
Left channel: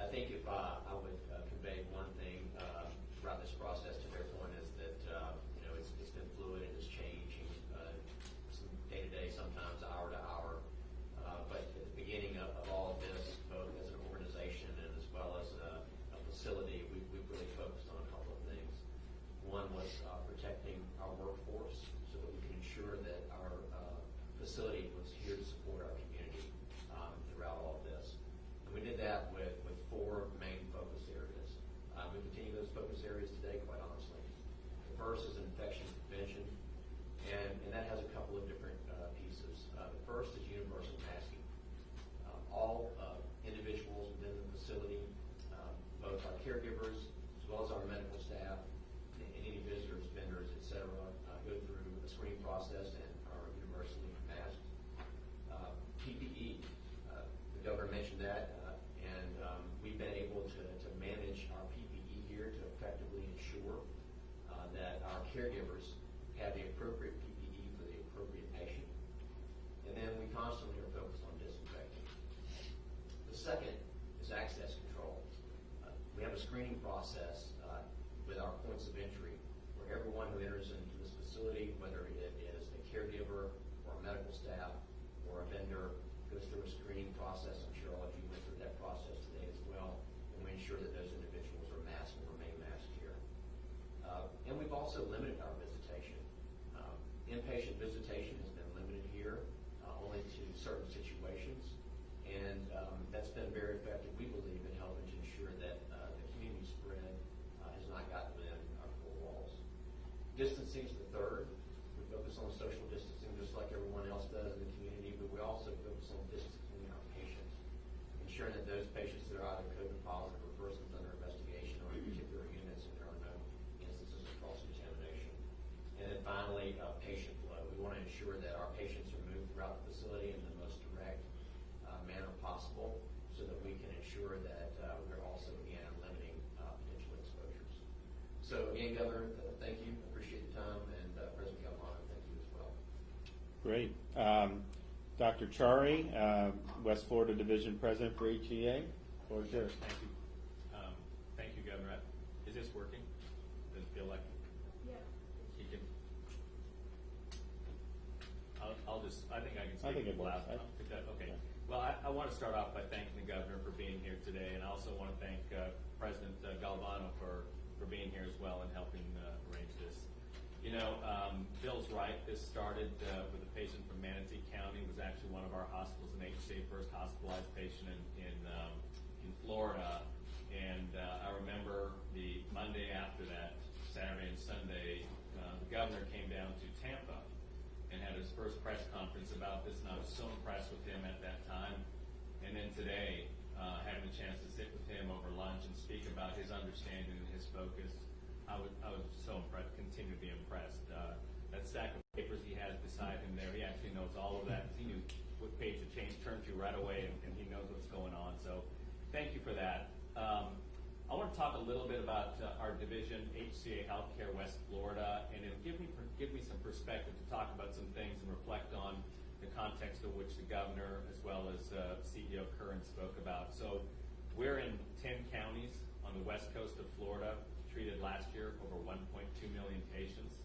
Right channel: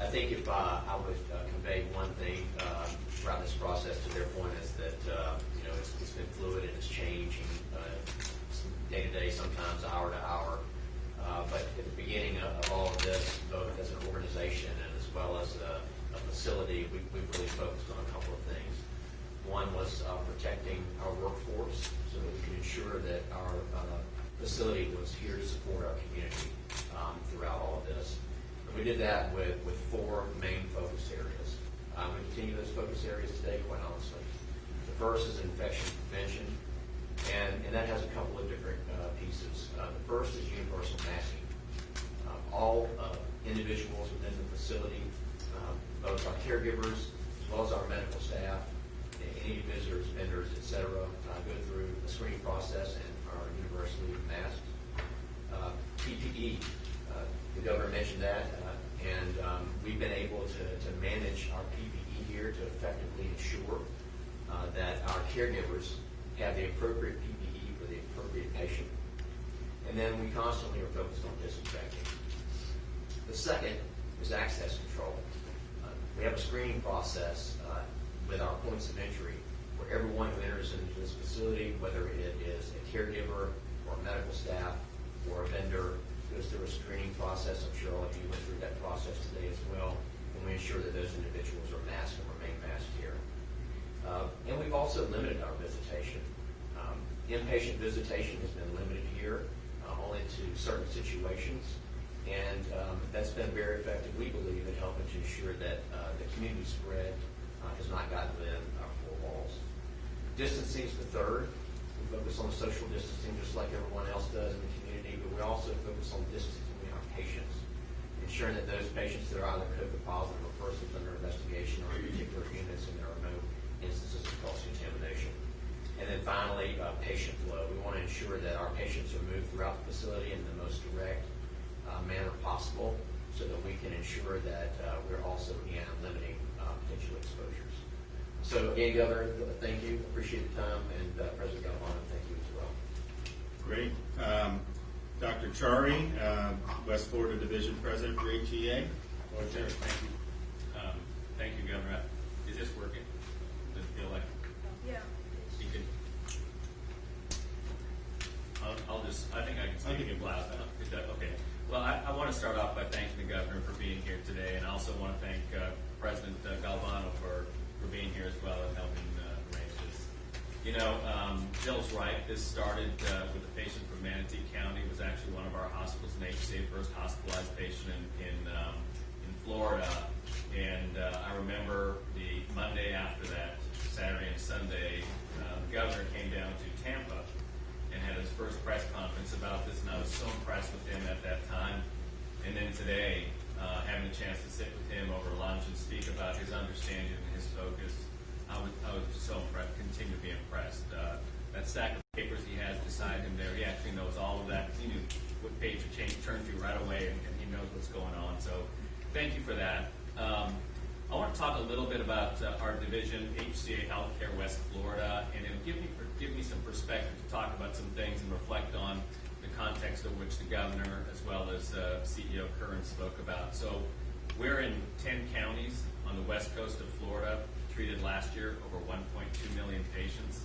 I think if I would convey one thing throughout this process to their point is that it's been fluid and it's changing day to day, sometimes hour to hour. But at the beginning of all of this, both as an organization and as well as a facility, we really focused on a couple of things. One was protecting our workforce so that we can ensure that our facility was here to support our community throughout all of this. And we did that with four main focus areas. We continue those focus areas today, quite honestly. The first is infection prevention, and that has a couple of different pieces. The first is universal masking. All individuals within the facility, both our caregivers as well as our medical staff, any visitors, vendors, etc., go through a screening process and are universally masked. PPE, the governor mentioned that, and we've been able to manage our PPE here to effectively ensure that our caregivers have the appropriate PPE for the appropriate patient. And then we constantly are focused on disinfecting. The second is access control. We have a screening process with our points of entry where everyone who enters into this facility, whether it is a caregiver or medical staff or a vendor, goes through a screening process. I'm sure all of you went through that process today as well. And we ensure that those individuals are masked and remain masked here. And we've also limited our visitation. Inpatient visitation has been limited here only to certain situations. And that's been very effective, we believe, in helping to ensure that the community spread has not gotten within our four walls. Distancing is the third. We focus on social distancing just like everyone else does in the community, but we also focus on distancing between our patients, ensuring that those patients that are either COVID positive or persons under investigation or in particular units, and there are no instances of cross-contamination. And then finally, patient flow. We want to ensure that our patients are moved throughout the facility in the most direct manner possible so that we can ensure that we're also limiting potential exposures. So again, Governor, thank you. Appreciate the time, and President Galvano, thank you as well. Great. Dr. Chari, West Florida Division President for HEA. Well, sure. Thank you. Thank you, Governor. Is this working? Does it feel like? Yeah. You can. I think I can I think speak it loud works. enough. Is that okay? Well, I want to start off by thanking the Governor for being here today, and I also want to thank President Galvano for being here as well and helping arrange this. Bill's right. This started with a patient from Manatee County. It was actually one of our hospitals in HCA, first hospitalized patient in Florida. And I remember the Monday after that, Saturday and Sunday, the governor came down to Tampa and had his first press conference about this, and I was so impressed with him at that time. And then today, having a chance to sit with him over lunch and speak about his understanding and his focus, I was so impressed, continue to be impressed. That stack of papers he has beside him there, he actually knows all of that. He knew what page to turn to right away, and he knows what's going on. So thank you for that. I want to talk a little bit about our division, HCA Healthcare West Florida, and it'll give me some perspective to talk about some things and reflect on the context of which the governor as well as CEO Curran spoke about. So we're in 10 counties on the west coast of Florida, treated last year over 1.2 million patients.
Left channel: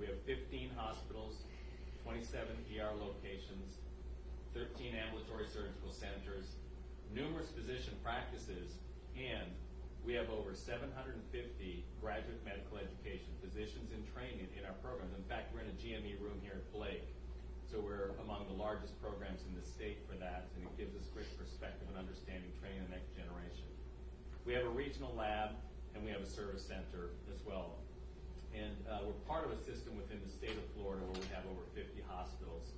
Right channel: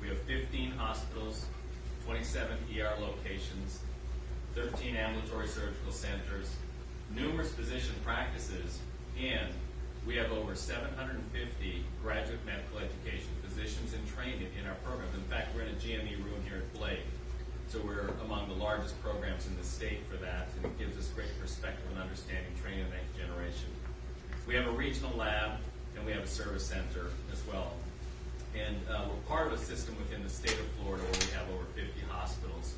We have 15 hospitals, 27 ER locations, 13 ambulatory surgical centers, numerous physician practices, and we have over 750 graduate medical education physicians in training in our programs. In fact, we're in a GME room here at Blake, so we're among the largest programs in the state for that, and it gives us great perspective and understanding training the next generation. We have a regional lab, and we have a service center as well. And we're part of a system within the state of Florida where we have over 50 hospitals.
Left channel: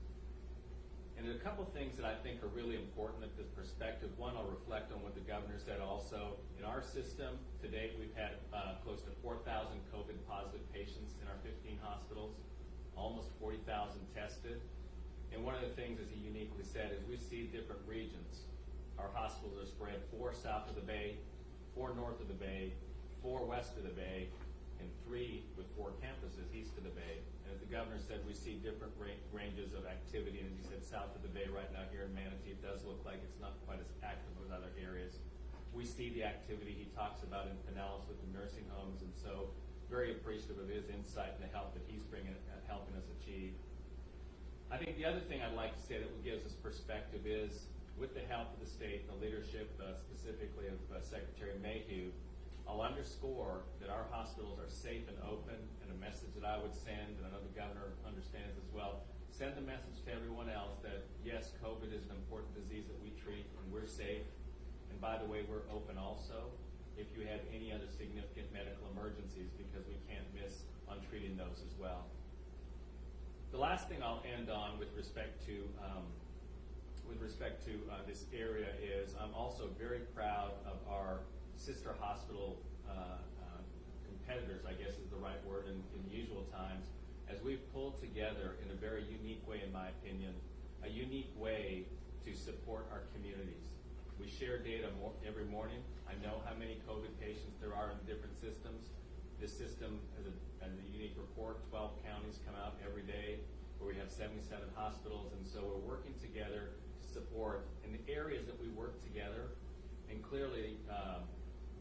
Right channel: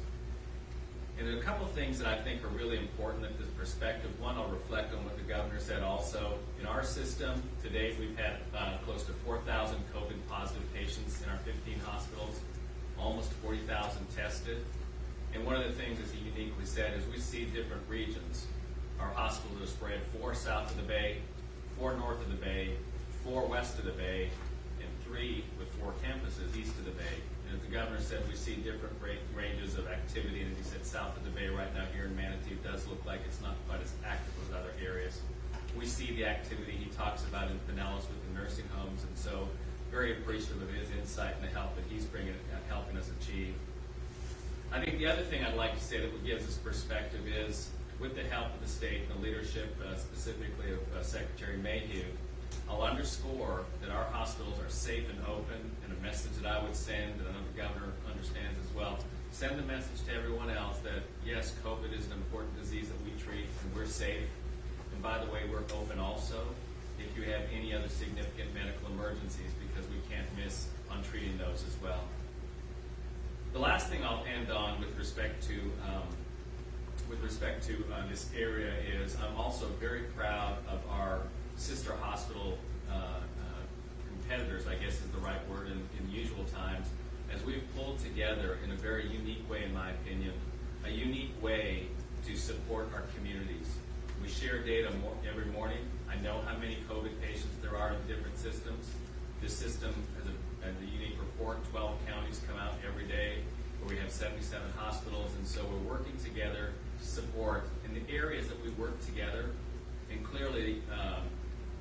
And there are a couple of things that I think are really important at this perspective. One, I'll reflect on what the governor said also. In our system, to date, we've had close to 4,000 COVID positive patients in our 15 hospitals, almost 40,000 tested. And one of the things, as he uniquely said, is we see different regions. Our hospitals are spread 4 south of the Bay, 4 north of the Bay, 4 west of the Bay, and 3 with 4 campuses east of the Bay. And as the governor said, we see different ranges of activity, and he said south of the Bay right now here in Manatee does look like it's not quite as active as other areas. We see the activity he talks about in Pinellas with the nursing homes, and so very appreciative of his insight and the help that he's bringing and helping us achieve. I think the other thing I'd like to say that gives us perspective is, with the help of the state and the leadership, specifically of Secretary Mayhew, I'll underscore that our hospitals are safe and open, and a message that I would send, and I know the governor understands as well, send the message to everyone else that, yes, COVID is an important disease that we treat, and we're safe. And by the way, we're open also if you have any other significant medical emergencies, because we can't miss on treating those as well. The last thing I'll end on with respect to this area is I'm also very proud of our sister hospital competitors, I guess is the right word in usual times, as we've pulled together in a very unique way, in my opinion, a unique way to support our communities. We share data every morning. I know how many COVID patients there are in different systems. This system has a unique report. 12 counties come out every day, where we have 77 hospitals, and so we're working together to support in the areas that we work together. And clearly,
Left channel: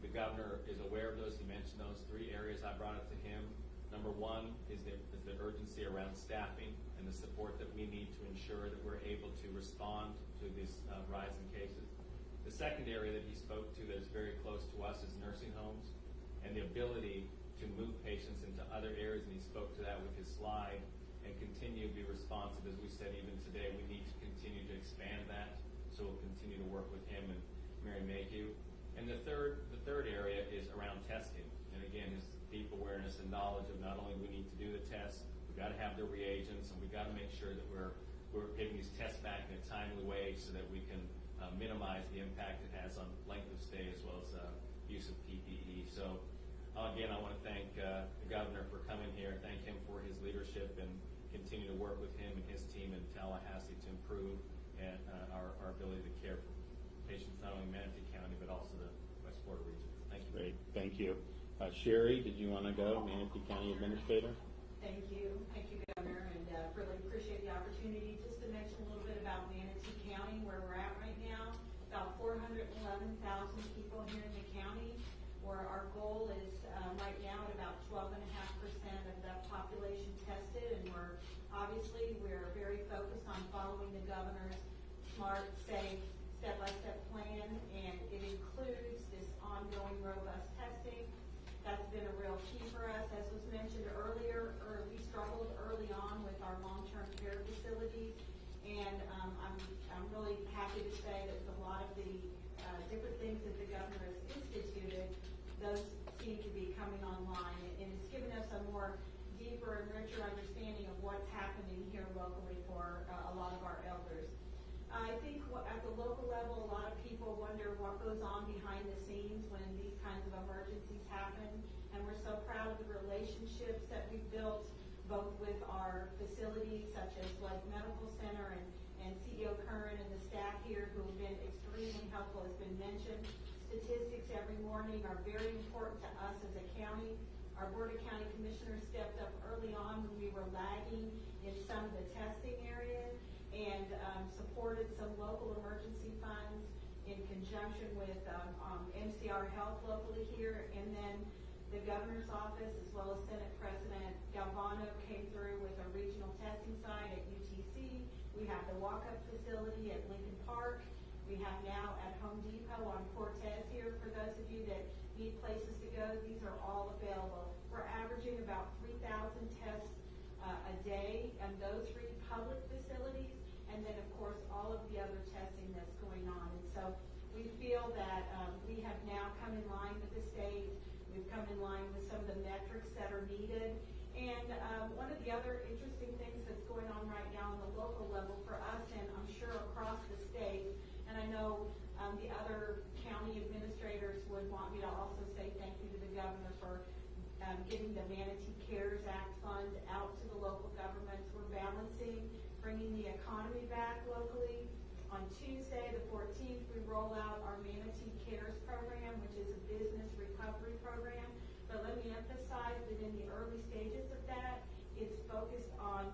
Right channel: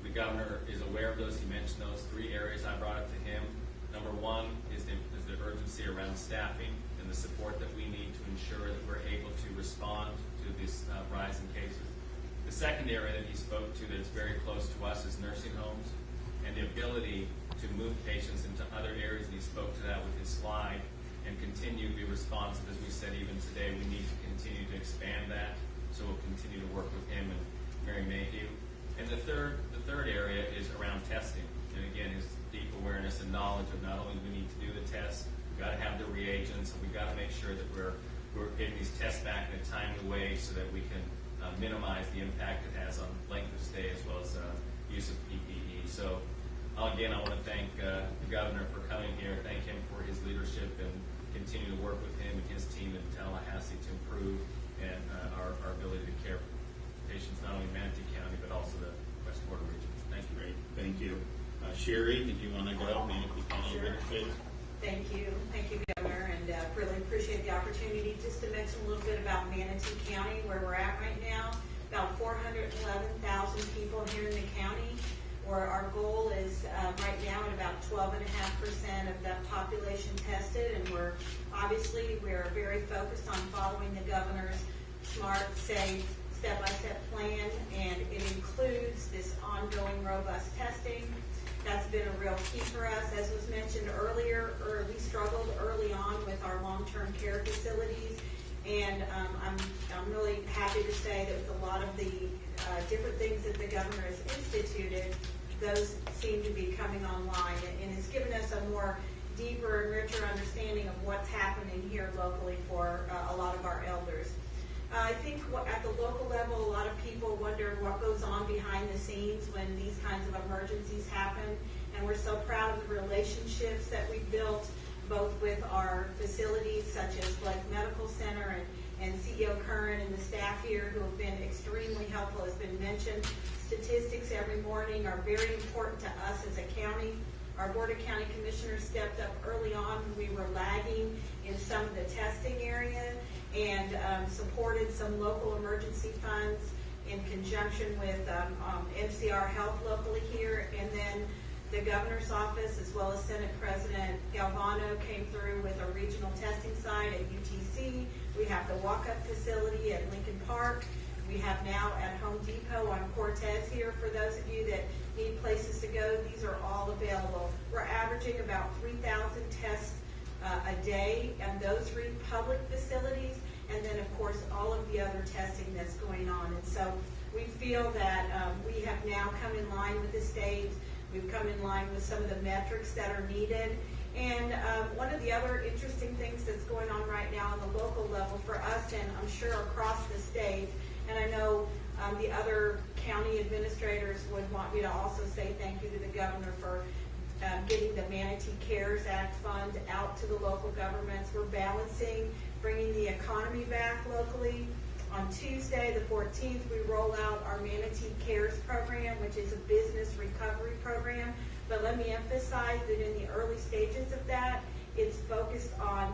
the governor is aware of those. He mentioned those 3 areas. I brought up to him. Number 1 is the urgency around staffing and the support that we need to ensure that we're able to respond to this rise in cases. The second area that he spoke to that's very close to us is nursing homes and the ability to move patients into other areas, and he spoke to that with his slide, and continue to be responsive. As we said even today, we need to continue to expand that, so we'll continue to work with him and Mary Mayhew. And the third area is around testing, and again, his deep awareness and knowledge of not only do we need to do the tests, we've got to have the reagents, and we've got to make sure that we're getting these tests back in a timely way so that we can minimize the impact it has on length of stay as well as use of PPE. So again, I want to thank the governor for coming here, thank him for his leadership, and continue to work with him and his team in Tallahassee to improve and our ability to care for patients not only in Manatee County but also the West Florida region. Thank you. Great, thank you. Sherry, did you want to go? Manatee County Administrator? Thank you, Governor, and really appreciate the opportunity just to mention a little bit about Manatee County, where we're at right now. About 411,000 people here in the county, where our goal is right now at about 12.5% of the population tested, and we're very focused on following the governor's smart, safe, step-by-step plan, and it includes this ongoing robust testing. That's been a real key for us. As was mentioned earlier, we struggled early on with our long-term care facilities, and I'm really happy to say that with a lot of the different things that the governor has instituted, those seem to be coming online, and it's given us a more deeper and richer understanding of what's happening here locally for a lot of our elders. I think at the local level, a lot of people wonder what goes on behind the scenes when these kinds of emergencies happen, and we're so proud of the relationships that we've built both with our facilities such as Blake Medical Center and CEO Curran and the staff here who have been extremely helpful. Has been mentioned. Statistics every morning are very important to us as a county. Our Board of County Commissioners stepped up early on when we were lagging in some of the testing area and supported some local emergency funds in conjunction with MCR Health locally here, and then the governor's office as well as Senate President Galvano came through with a regional testing site at UTC. We have the walk-up facility at Lincoln Park. We have now at Home Depot on Cortez here. For those of you that need places to go, these are all available. We're averaging about 3,000 tests a day, and those three public facilities, and then of course all of the other testing that's going on. And so we feel that we have now come in line with the state. We've come in line with some of the metrics that are needed. And one of the other interesting things that's going on right now on the local level for us, and I'm sure across the state, and I know the other county administrators would want me to also say thank you to the governor for getting the Manatee CARES Act fund out to the local governments. We're balancing, bringing the economy back locally. On Tuesday, the 14th, we roll out our Manatee CARES program, which is a business recovery program. But let me emphasize that in the early stages of that, it's focused on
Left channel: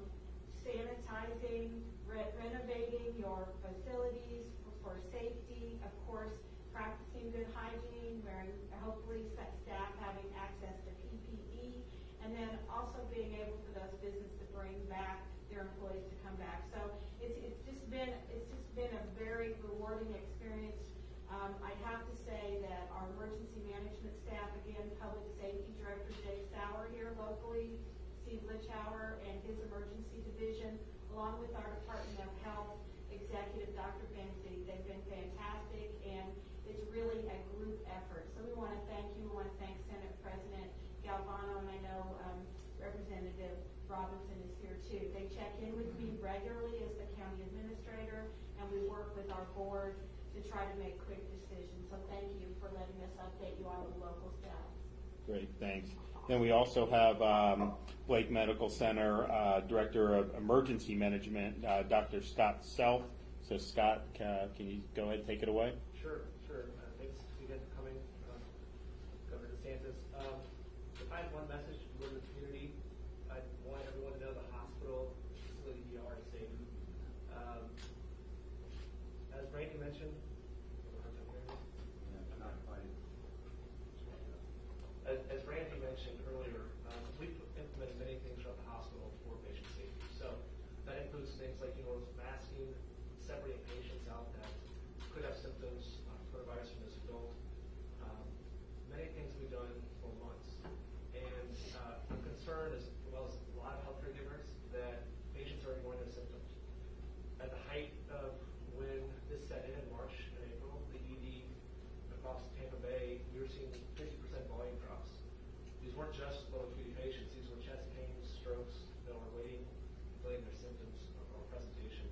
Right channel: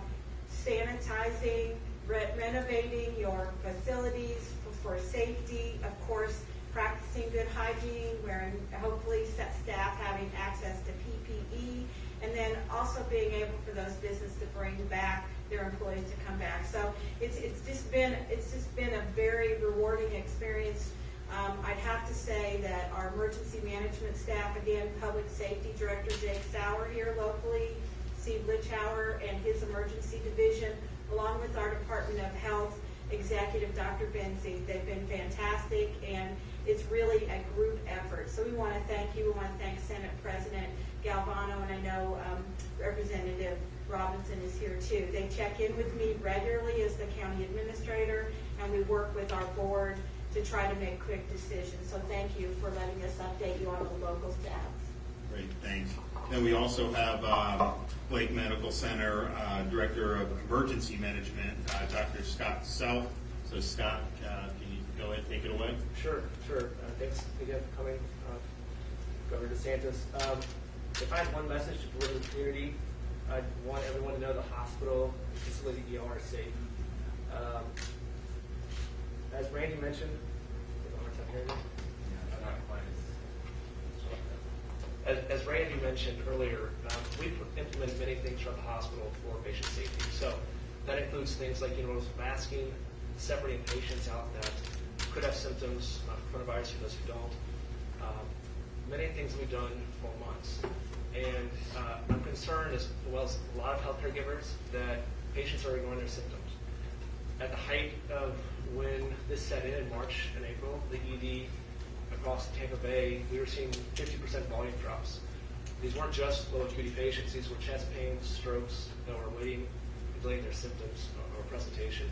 sanitizing, renovating your facilities for safety, of course, practicing good hygiene, wearing, hopefully staff having access to PPE, and then also being able for those businesses to bring back their employees to come back. So it's just been a very rewarding experience. I'd have to say that our emergency management staff, again, Public Safety Director Jake Sauer here locally, Steve Lichauer and his emergency division, along with our Department of Health Executive Dr. Benzie, they've been fantastic, and it's really a group effort. So we want to thank you. We want to thank Senate President Galvano, and I know Representative Robinson is here too. They check in with me regularly as the county administrator, and we work with our board to try to make quick decisions. So thank you for letting us update you on the local staff. Great, thanks. Then we also have Blake Medical Center Director of Emergency Management, Dr. Scott Self. So Scott, can you go ahead and take it away? Sure. Thanks again for coming, Governor DeSantis. If I had one message to deliver to the community, I'd want everyone to know the hospital, the facility, the ER is safe. As Randy mentioned, as Randy mentioned earlier, we've implemented many things throughout the hospital for patient safety. So that includes things like universal masking, separating patients out that could have symptoms of coronavirus from those who don't. Many things we've done for months. And I'm concerned, as well as a lot of healthcare givers, that patients are ignoring their symptoms. At the height of when this set in March and April, the ED across Tampa Bay, we were seeing 50% volume drops. These weren't just low acuity patients, these were chest pains, strokes that were delaying their symptoms or presentation.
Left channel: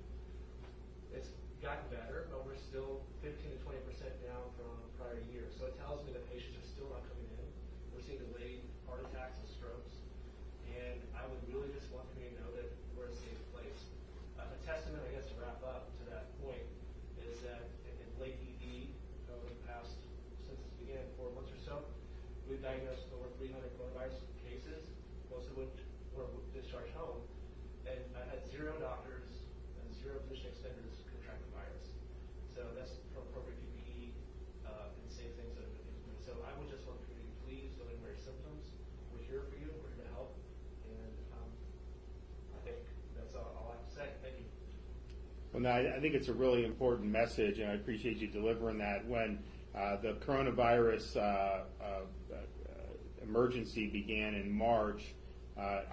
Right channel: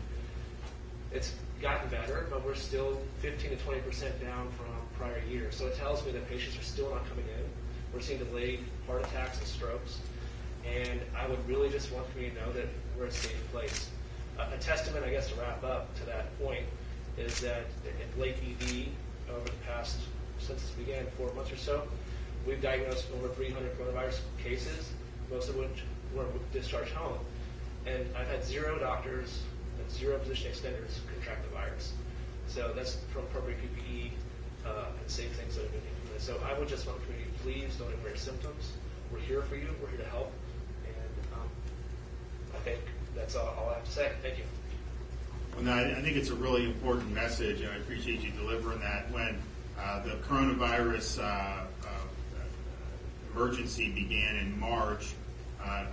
It's gotten better, but we're still 15 to 20% down from prior years. So it tells me that patients are still not coming in. We're seeing delayed heart attacks and strokes. And I would really just want the community to know that we're a safe place. A testament, I guess, to wrap up to that point is that in Blake ED, over the past, since this began 4 months or so, we've diagnosed over 300 coronavirus cases, most of which were discharged home. And I've had 0 doctors and 0 physician extenders contract the virus. So that's from appropriate PPE and safe things that have been implemented. So I would just want the community, please don't ignore your symptoms. We're here for you. We're here to help. And I think that's all I have to say. Thank you. Well, no, I think it's a really important message, and I appreciate you delivering that. When the coronavirus emergency began in March,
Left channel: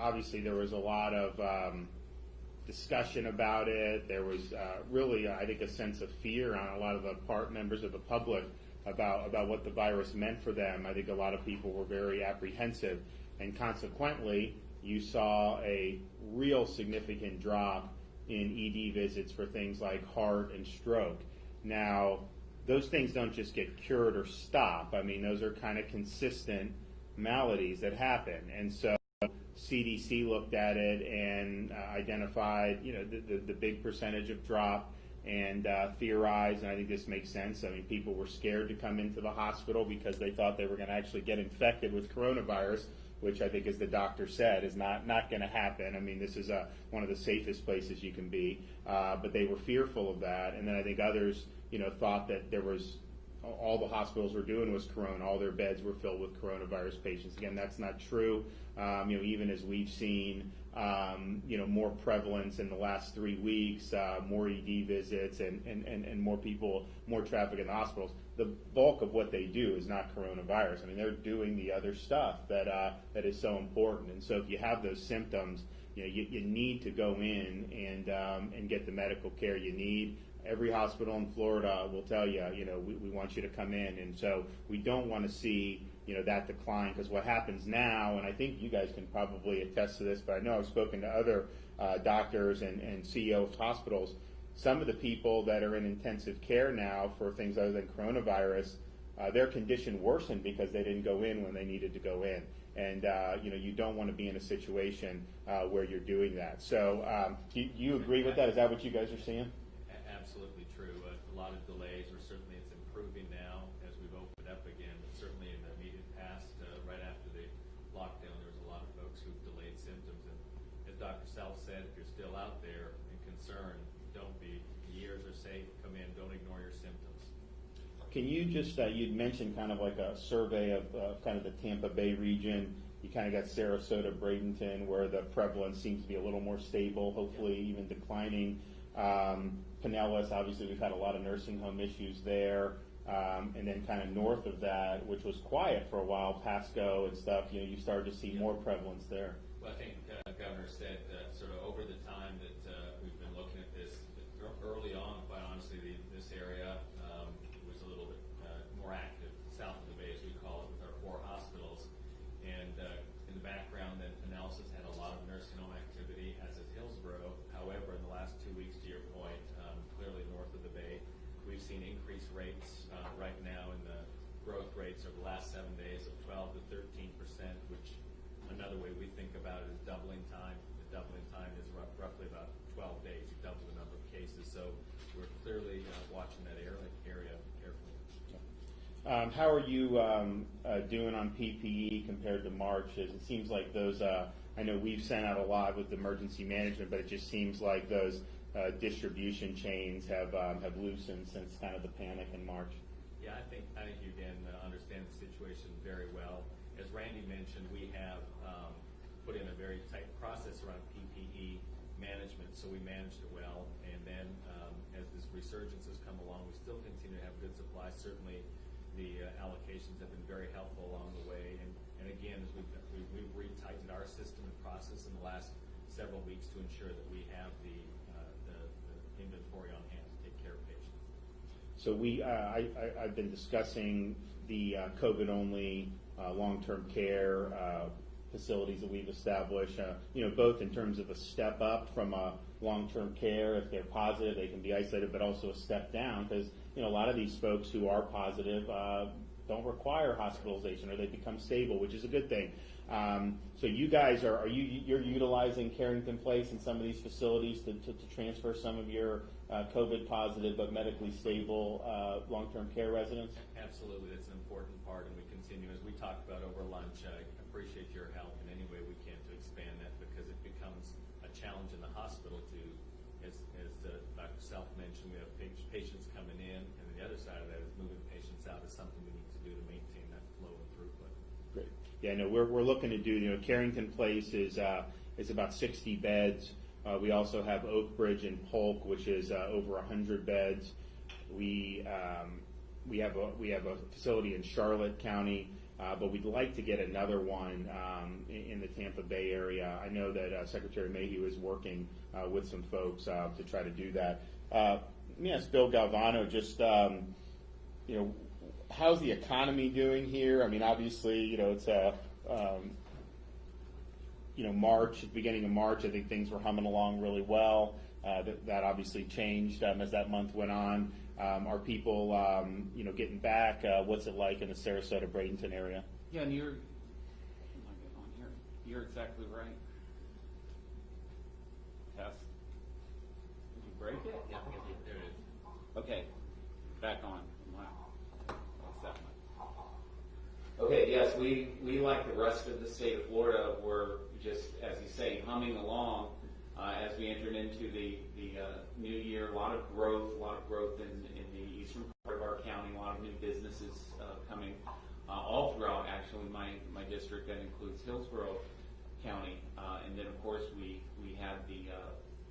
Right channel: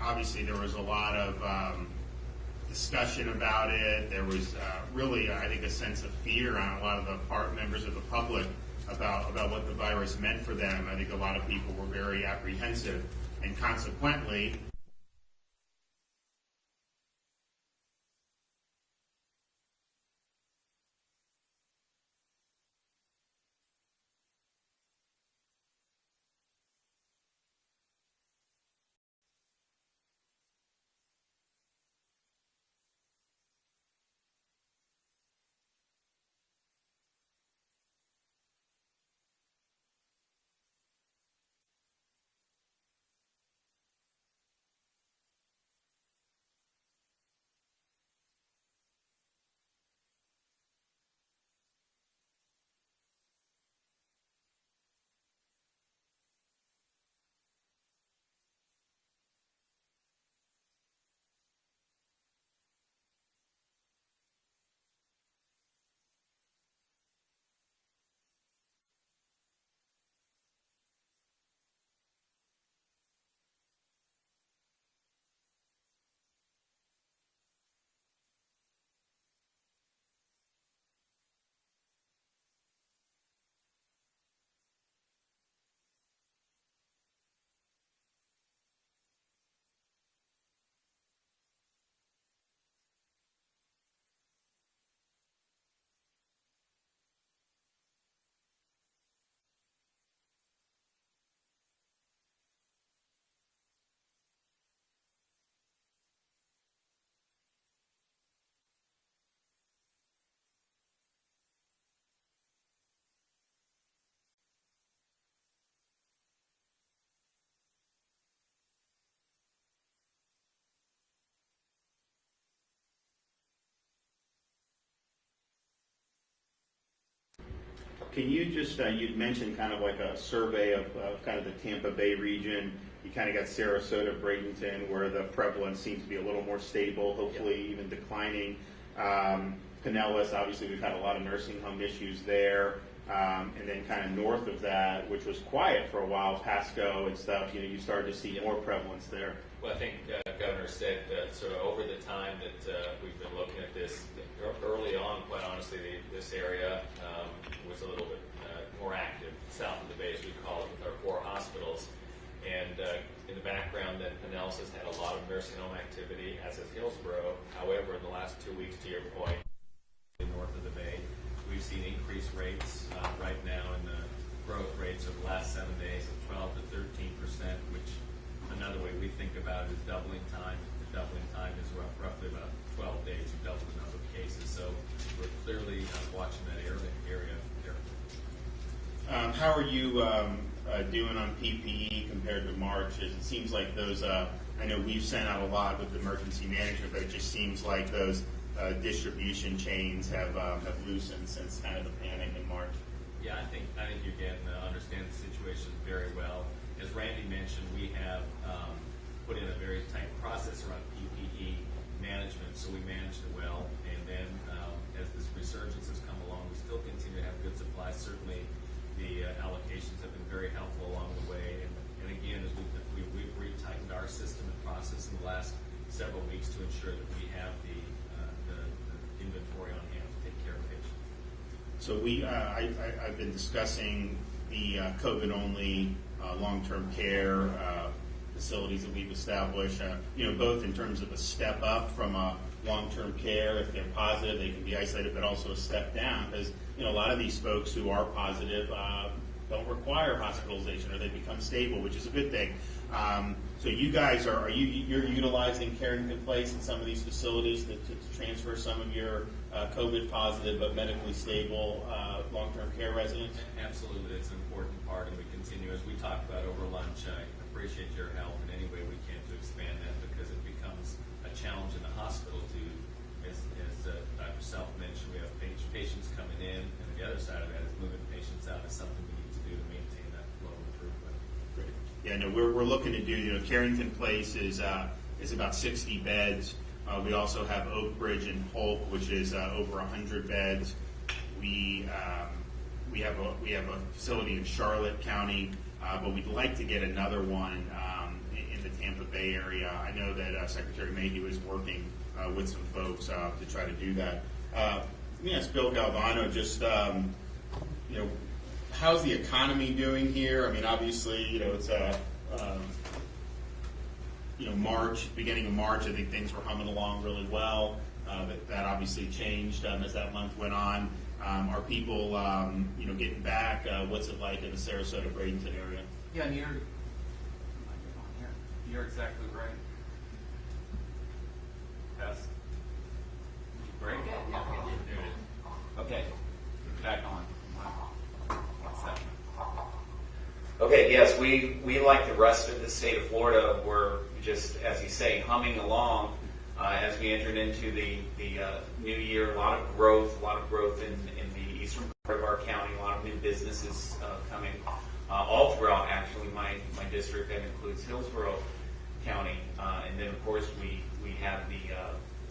obviously there was a lot of discussion about it. There was really, I think, a sense of fear on a lot of the members of the public about what the virus meant for them. I think a lot of people were very apprehensive, and consequently, you saw a real significant drop in ED visits for things like heart and stroke. Now, those things don't just get cured or stop. I mean, those are kind of consistent maladies that happen. And so CDC looked at it and identified, the big percentage of drop and theorized, and I think this makes sense. I mean, people were scared to come into the hospital because they thought they were going to actually get infected with coronavirus, which I think, as the doctor said, is not going to happen. I mean, this is one of the safest places you can be, but they were fearful of that. And then I think others, thought that there was all the hospitals were doing was corona. All their beds were filled with coronavirus patients. Again, that's not true. Even as we've seen, more prevalence in the last 3 weeks, more ED visits and more people, more traffic in the hospitals. The bulk of what they do is not coronavirus. I mean, they're doing the other stuff that is so important. And so if you have those symptoms, you need to go in and get the medical care you need. Every hospital in Florida will tell you, we want you to come in. And so we don't want to see, that decline, because what happens now, and I think you guys can probably attest to this, but I know I've spoken to other doctors and CEOs of hospitals. Some of the people that are in intensive care now for things other than coronavirus, their condition worsened because they didn't go in when they needed to go in. And, you don't want to be in a situation where you're doing that. So do you agree with that? Is that what you guys are seeing? Absolutely true. A lot of delays, or certainly it's improving now as we've opened up again, but certainly in the immediate past, right after the lockdown, there was a lot of folks who delayed symptoms. And as Dr. Self said, if you're still out there and concerned, don't be. Years are safe. Come in. Don't ignore your symptoms. Can you just, you'd mentioned kind of like a survey of kind of the Tampa Bay region. You kind of got Sarasota, Bradenton, where the prevalence seems to be a little more stable, hopefully even declining. Pinellas, obviously we've had a lot of nursing home issues there. And then kind of north of that, which was quiet for a while, Pasco and stuff, you started to see more prevalence there. Well, I think Governor said sort of over the time that we've been looking at this, early on, quite honestly, this area was a little bit more active south of the bay, as we call it, with our 4 hospitals. And in the background, then Pinellas has had a lot of nursing home activity, as has Hillsborough. However, in the last 2 weeks, to your point, clearly north of the bay, we've seen increased rates right now in the growth rates of the last 7 days of 12 to 13%, which another way we think about it is doubling time. The doubling time is roughly about 12 days, double the number of cases. So we're clearly watching that area carefully. How are you doing on PPE compared to March? It seems like those, I know we've sent out a lot with emergency management, but it just seems like those distribution chains have loosened since kind of the panic in March. Yeah, I think you can understand the situation very well. As Randy mentioned, we have put in a very tight process around PPE management, so we managed it well. And then as this resurgence has come along, we still continue to have good supplies. Certainly the allocations have been very helpful along the way. And again, as we've retightened our system and process in the last several weeks to ensure that we have the inventory on hand to take care of patients. So I've been discussing the COVID-only long-term care facilities that we've established, both in terms of a step up from a long-term care. If they're positive, they can be isolated, but also a step down, because a lot of these folks who are positive don't require hospitalization, or they become stable, which is a good thing. So you guys you're utilizing Carrington Place in some of these facilities to transfer some of your COVID positive but medically stable long-term care residents? Absolutely, it's an important part, and we continue, as we talked about over lunch. I appreciate your help in any way we can to expand that, because it becomes a challenge in the hospital to, as Dr. Self mentioned, we have patients coming in, and the other side of that is moving patients out is something we need to do to maintain that flow of improvement. Great. Yeah, no, we're looking to do, Carrington Place is about 60 beds. We also have Oak Ridge and Polk, which is over 100 beds. We have a facility in Charlotte County, but we'd like to get another one in the Tampa Bay area. I know that Secretary Mayhew is working with some folks to try to do that. Let me ask Bill Galvano, just how's the economy doing here? I mean, obviously, it's March, beginning of March. I think things were humming along really well. But that obviously changed as that month went on. Are people, getting back? What's it like in the Sarasota, Bradenton area? Yeah, and you're exactly right. Test. Did you break it? Yeah. Okay. Back on. What's that? Okay, yes, we like the rest of the state of Florida, we're just, as you say, humming along as we entered into the new year. A lot of growth in the eastern part of our county, a lot of new businesses coming all throughout, actually, my district. That includes Hillsborough. county. And then, of course, we have the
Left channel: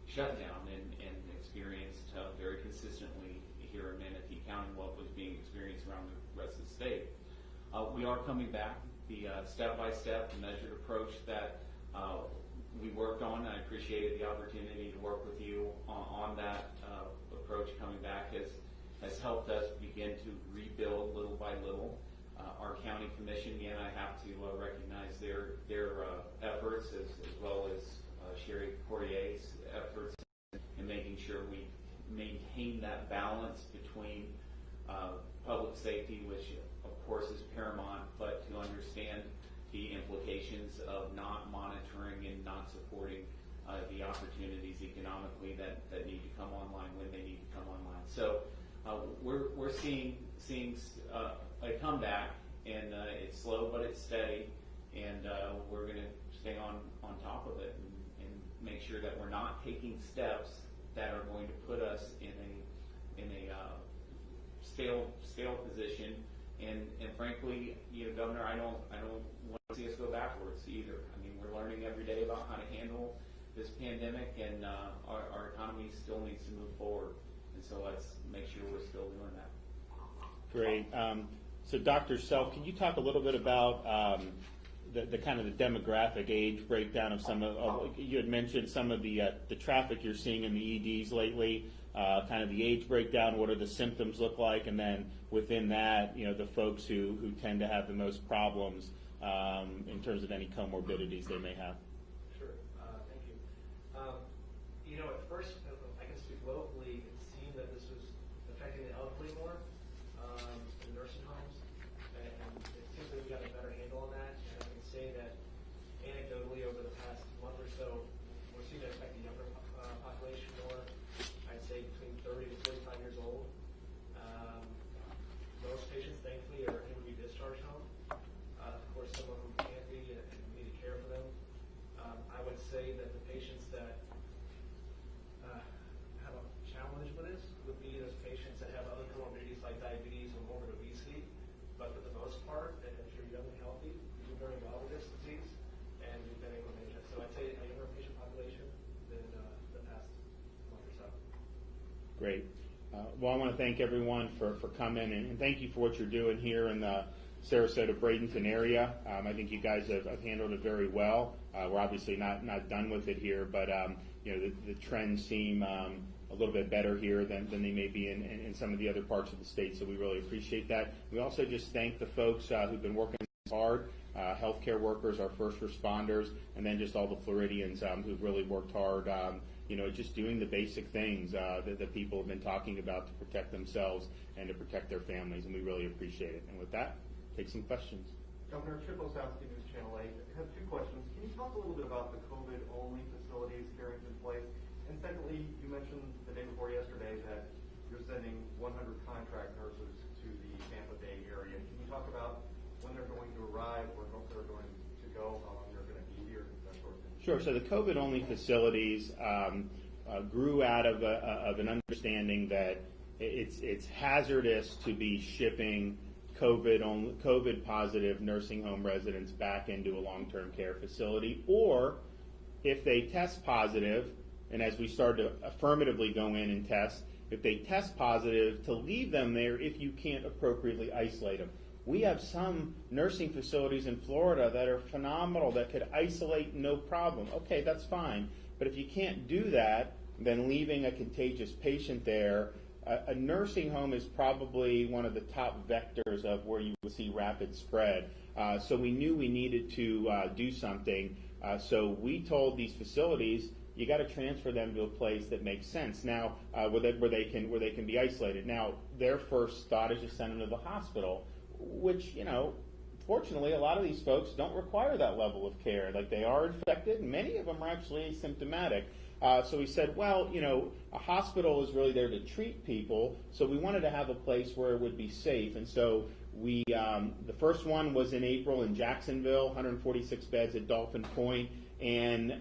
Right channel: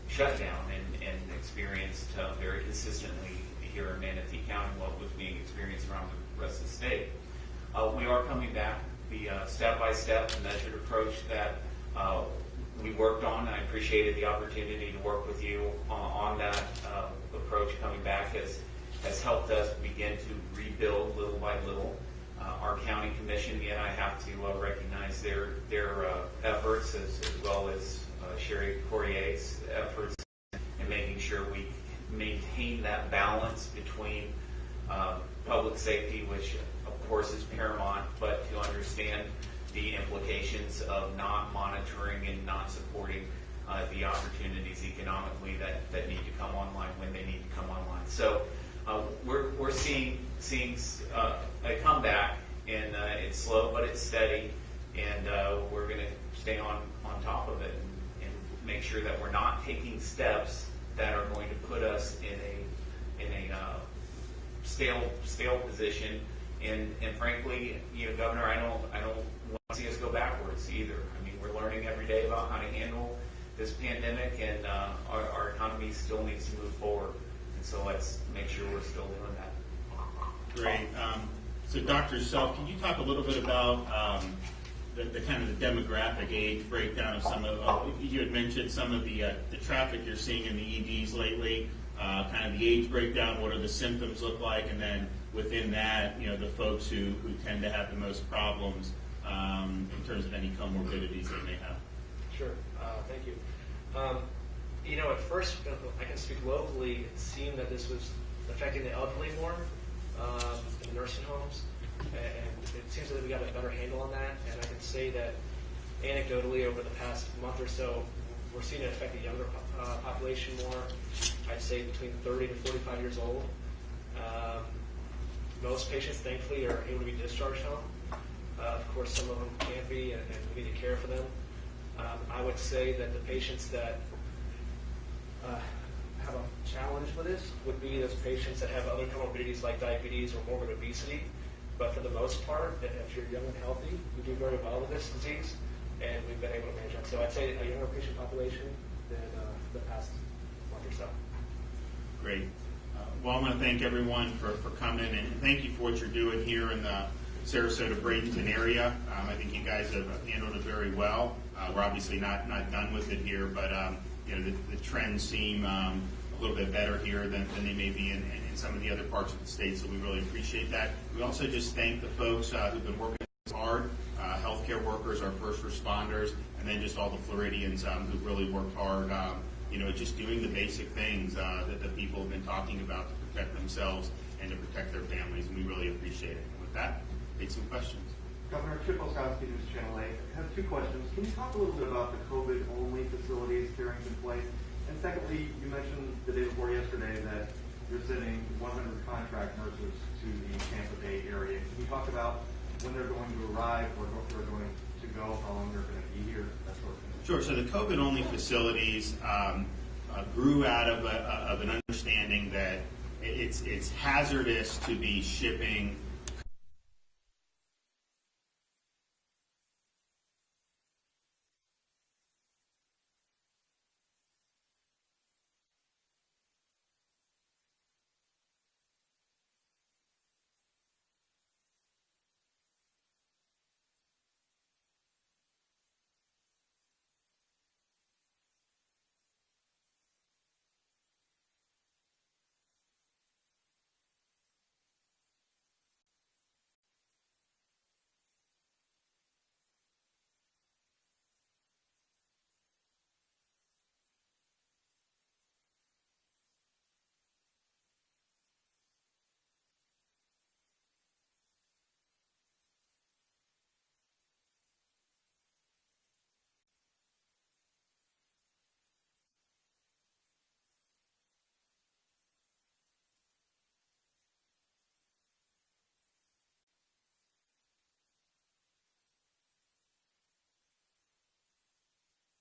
shutdown and experienced very consistently here in Manatee County what was being experienced around the rest of the state. We are coming back. The step-by-step measured approach that we worked on. I appreciated the opportunity to work with you on that approach coming back has helped us begin to rebuild little by little. Our county commission, again, I have to recognize their efforts as well as Sherry Corrier's efforts in making sure we maintain that balance between public safety, which of course is paramount, but to understand the implications of not monitoring and not supporting the opportunities economically that need to come online when they need to come online. So we're seeing a comeback, and it's slow but it's steady, and we're going to stay on top of it and make sure that we're not taking steps that are going to put us in a stale position. And frankly, Governor, I don't want to see us go backwards either. I mean, we're learning every day about how to handle this pandemic, and our economy still needs to move forward. And so let's make sure we're still doing that. Great. So Dr. Self, can you talk a little bit about the kind of the demographic age breakdown of some of, you had mentioned some of the traffic you're seeing in the EDs lately, kind of the age breakdown, what do the symptoms look like, and then within that, the folks who tend to have the most problems in terms of any comorbidities they may have. Sure. Thank you. At first, I can speak locally, it seemed that this was affecting the elderly more in nursing homes, and it seems that we got a better handle on that, and I can say that anecdotally over the past month or so, we're seeing it affect the younger population more. I'd say between 30 to 45 years old. Most patients, thankfully, are able to be discharged home. Of course, some of them can't be, and we need to care for them. I would say that the patients that have a challenge with this would be those patients that have other comorbidities like diabetes or morbid obesity. But for the most part, if you're young and healthy, you do very well with this disease, and we've been able to manage that. So I'd say a younger patient population than the past month or so. Great. Well, I want to thank everyone for coming, and thank you for what you're doing here in the Sarasota-Bradenton area. I think you guys have handled it very well. We're obviously not done with it here, but the trends seem a little bit better here than they may be in some of the other parts of the state, so we really appreciate that. We also just thank the folks who've been working hard, healthcare workers, our first responders, and then just all the Floridians who've really worked hard, just doing the basic things that the people have been talking about to protect themselves and to protect their families, and we really appreciate it. And with that, take some questions. Governor Chip Olszewski, News Channel 8. I have two questions. Can you talk a little bit about the COVID-only facilities Carrington Place? And secondly, you mentioned the day before yesterday that you're sending 100 contract nurses to the Tampa Bay area. Can you talk about when they're going to arrive, or if they're going to go, how long they're going to be here, that sort of thing? Sure. So the COVID-only facilities grew out of an understanding that it's hazardous to be shipping COVID positive nursing home residents back into a long-term care facility, or if they test positive, and as we start to affirmatively go in and test, if they test positive, to leave them there if you can't appropriately isolate them. We have some nursing facilities in Florida that are phenomenal, that could isolate no problem. Okay, that's fine. But if you can't do that, then leaving a contagious patient there, a nursing home is probably one of the top vectors of where you would see rapid spread. So we knew we needed to do something. So we told these facilities, you got to transfer them to a place that makes sense. Now, where they can be isolated. Now, their first thought is to send them to the hospital, which, fortunately, a lot of these folks don't require that level of care. Like, they are infected, and many of them are actually asymptomatic. So we said, well, a hospital is really there to treat people, so we wanted to have a place where it would be safe. And so we, the first one was in April in Jacksonville, 146 beds at Dolphin Point, and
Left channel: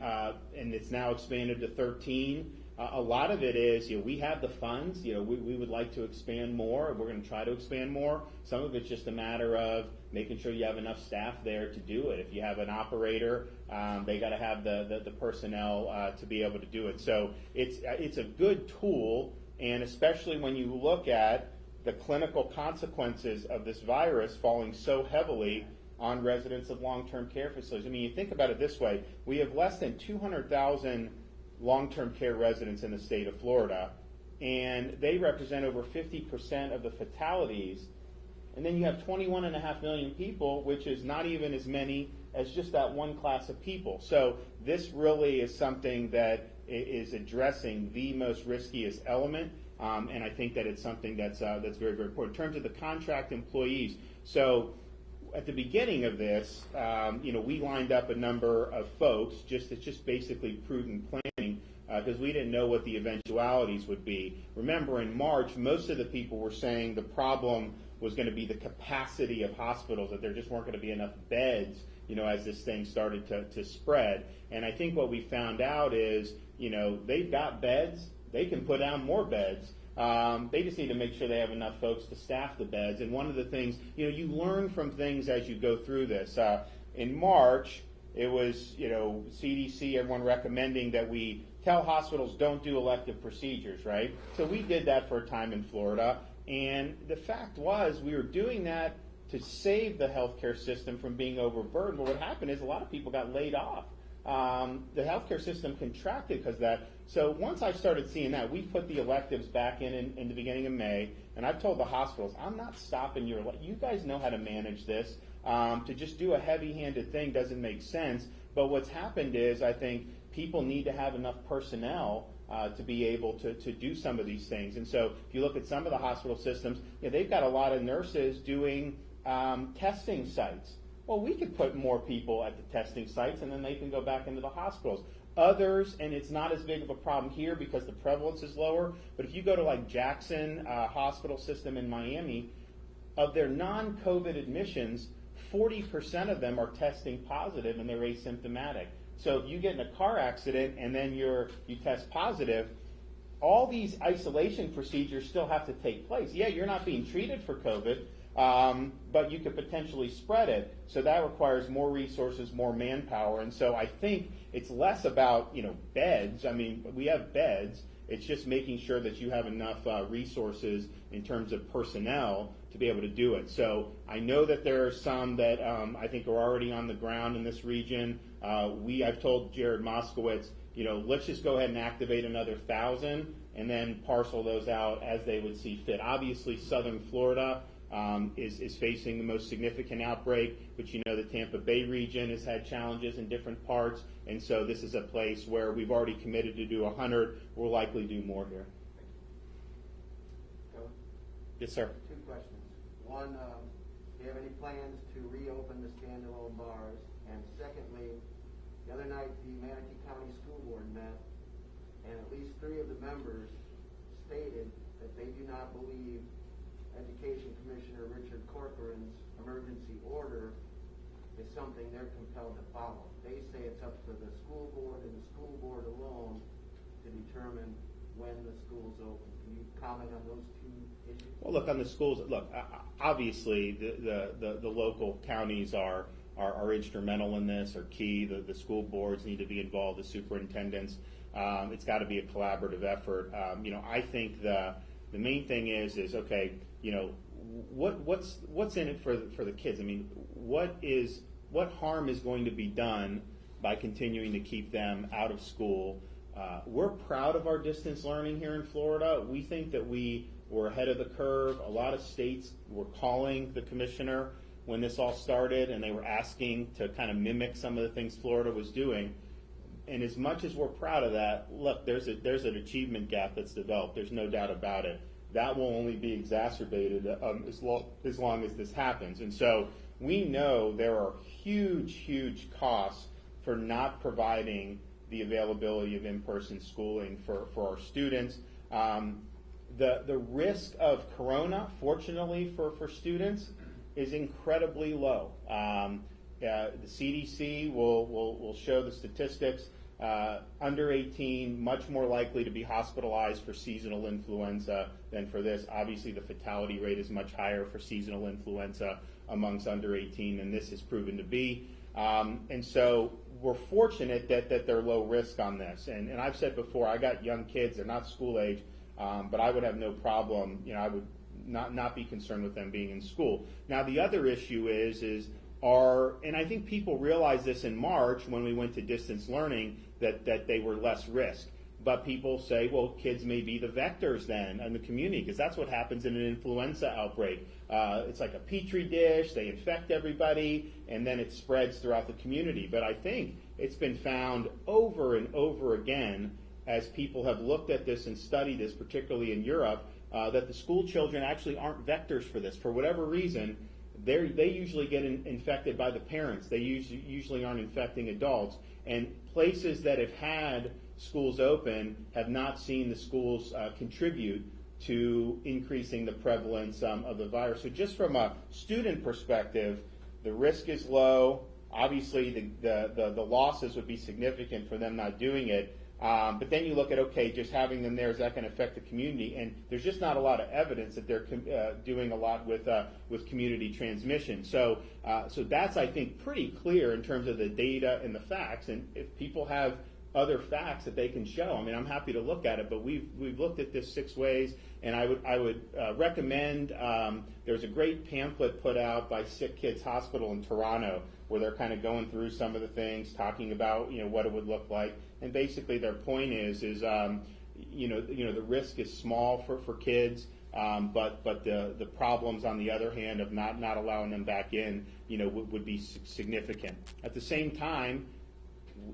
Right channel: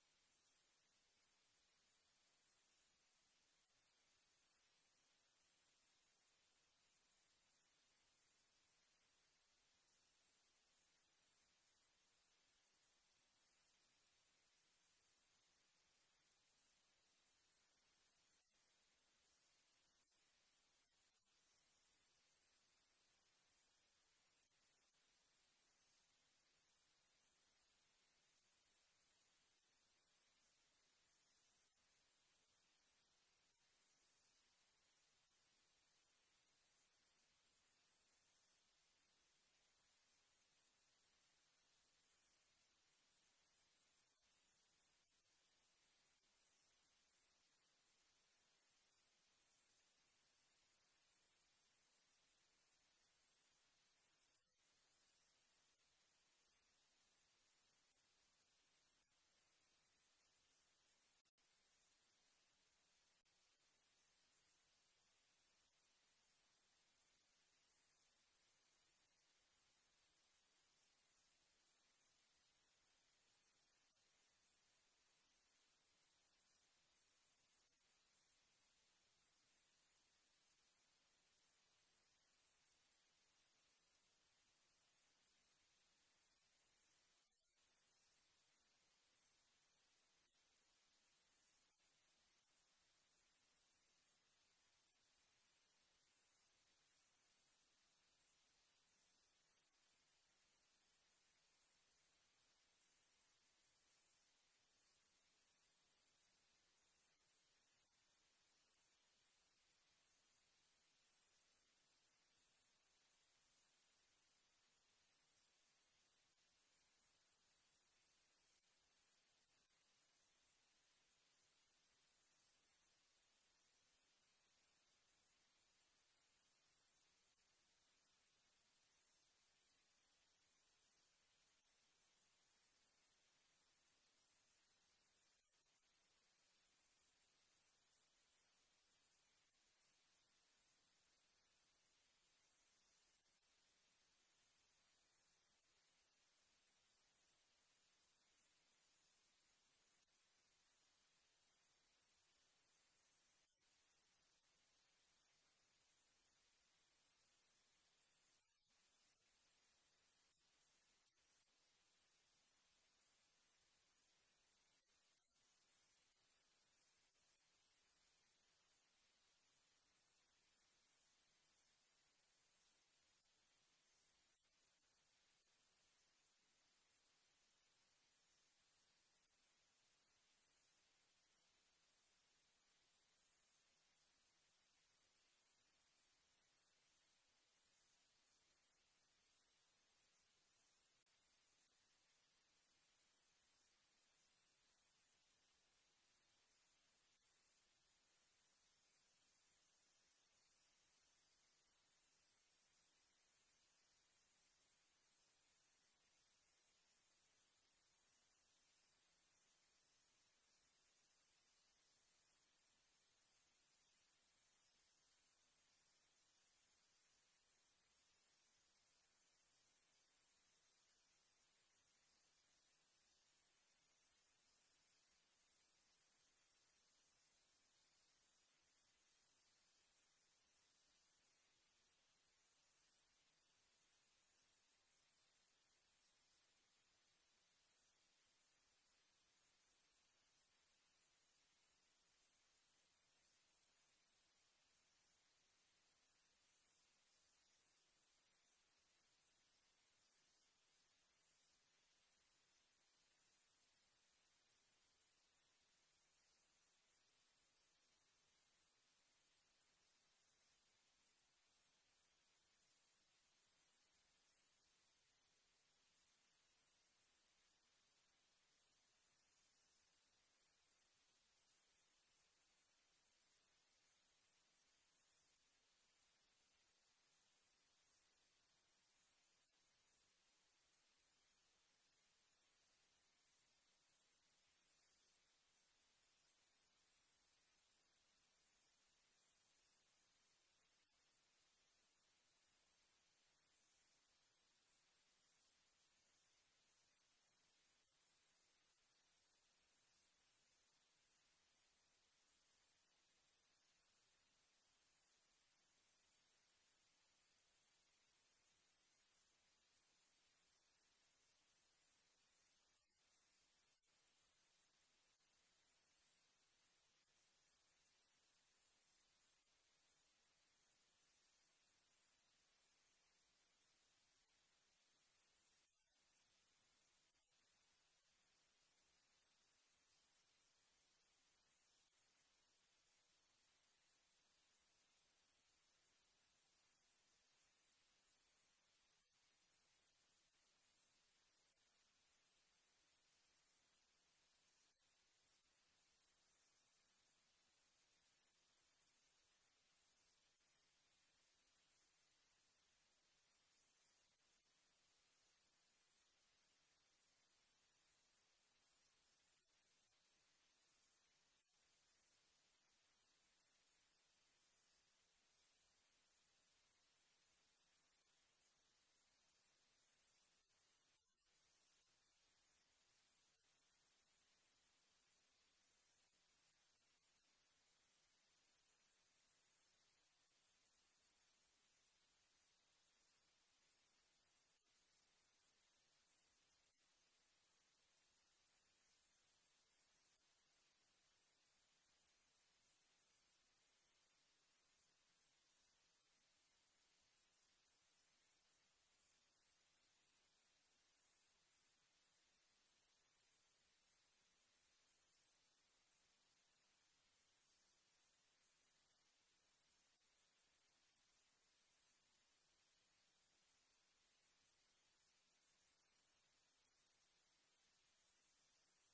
it's now expanded to 13. A lot of it is, we have the funds, we would like to expand more. We're going to try to expand more. Some of it's just a matter of making sure you have enough staff there to do it. If you have an operator They got to have the personnel to be able to do it. So it's a good tool, and especially when you look at the clinical consequences of this virus falling so heavily on residents of long-term care facilities. I mean, you think about it this way: we have less than 200,000 long-term care residents in the state of Florida, and they represent over 50% of the fatalities. And then you have 21.5 million people, which is not even as many as just that one class of people. So this really is something that is addressing the most riskiest element, and I think that it's something that's very, very important. In terms of the contract employees, so at the beginning of this, we lined up a number of folks. It's just basically prudent planning because we didn't know what the eventualities would be. Remember, in March, most of the people were saying the problem was going to be the capacity of hospitals, that there just weren't going to be enough beds, as this thing started to spread. And I think what we found out is, they've got beds, they can put down more beds. They just need to make sure they have enough folks to staff the beds. And one of the things, you learn from things as you go through this. In March, it was, CDC, everyone recommending that we tell hospitals don't do elective procedures, right? So we did that for a time in Florida. And the fact was, we were doing that to save the healthcare system from being overburdened. But what happened is a lot of people got laid off. The healthcare system contracted because of that. So once I started seeing that, we put the electives back in the beginning of May, and I've told the hospitals, I'm not stopping you guys know how to manage this. To just do a heavy-handed thing doesn't make sense. But what's happened is, I think people need to have enough personnel to be able to do some of these things. And so if you look at some of the hospital systems, they've got a lot of nurses doing testing sites. Well, we could put more people at the testing sites, and then they can go back into the hospitals. Others, and it's not as big of a problem here because the prevalence is lower, but if you go to like Jackson Hospital System in Miami, of their non-COVID admissions, 40% of them are testing positive and they're asymptomatic. So if you get in a car accident and then you test positive, all these isolation procedures still have to take place. Yeah, you're not being treated for COVID, but you could potentially spread it. So that requires more resources, more manpower. And so I think it's less about, beds. I mean, we have beds. It's just making sure that you have enough resources in terms of personnel to be able to do it. So I know that there are some that I think are already on the ground in this region. I've told Jared Moskowitz, let's just go ahead and activate another 1,000 and then parcel those out as they would see fit. Obviously, southern Florida is facing the most significant outbreak, but the Tampa Bay region has had challenges in different parts, and so this is a place where we've already committed to do 100. We'll likely do more here. Go. Yes, sir. Two questions. One, do you have any plans to reopen the standalone bars? And secondly, the other night the Manatee County School Board met, and at least 3 of the members stated that they do not believe Education Commissioner Richard Corcoran's emergency order is something they're compelled to follow. They say it's up to the school board and the school board alone to determine when the school's open. Can you comment on those 2 issues? Well, look, on the schools, obviously the local counties are instrumental in this, are key. The school boards need to be involved, the superintendents. It's got to be a collaborative effort. I think the main thing is okay, what's in it for the kids? I mean, what harm is going to be done by continuing to keep them out of school? We're proud of our distance learning here in Florida. We think that we were ahead of the curve. A lot of states were calling the commissioner when this all started, and they were asking to kind of mimic some of the things Florida was doing. And as much as we're proud of that, look, there's an achievement gap that's developed. There's no doubt about it. That will only be exacerbated as long as this happens. And so we know there are huge costs for not providing the availability of in-person schooling for our students. The risk of corona, fortunately for students, is incredibly low. The CDC will show the statistics. Under 18, much more likely to be hospitalized for seasonal influenza than for this. Obviously, the fatality rate is much higher for seasonal influenza amongst under 18 than this has proven to be. And so we're fortunate that they're low risk on this. And I've said before, I got young kids, they're not school age, but I would have no problem, I would not be concerned with them being in school. Now the other issue and I think people realized this in March when we went to distance learning, that they were less risk. But people say, well, kids may be the vectors then in the community, because that's what happens in an influenza outbreak. It's like a petri dish, they infect everybody, and then it spreads throughout the community. But I think it's been found over and over again, as people have looked at this and studied this, particularly in Europe, that the school children actually aren't vectors for this. For whatever reason, they usually get infected by the parents. They usually aren't infecting adults. And places that have had schools open have not seen the schools contribute to increasing the prevalence of the virus. So just from a student perspective, the risk is low. Obviously, the losses would be significant for them not doing it. But then you look at, okay, just having them there, is that going to affect the community? And there's just not a lot of evidence that they're doing a lot with community transmission. So that's, I think, pretty clear in terms of the data and the facts. And if people have other facts that they can show, I mean, I'm happy to look at it. But we've looked at this 6 ways, and I would recommend. There's a great pamphlet put out by Sick Kids Hospital in Toronto, where they're kind of going through some of the things, talking about what it would look like. And basically their point is the risk is small for kids, but the problems on the other hand of not allowing them back in, would be significant. At the same time,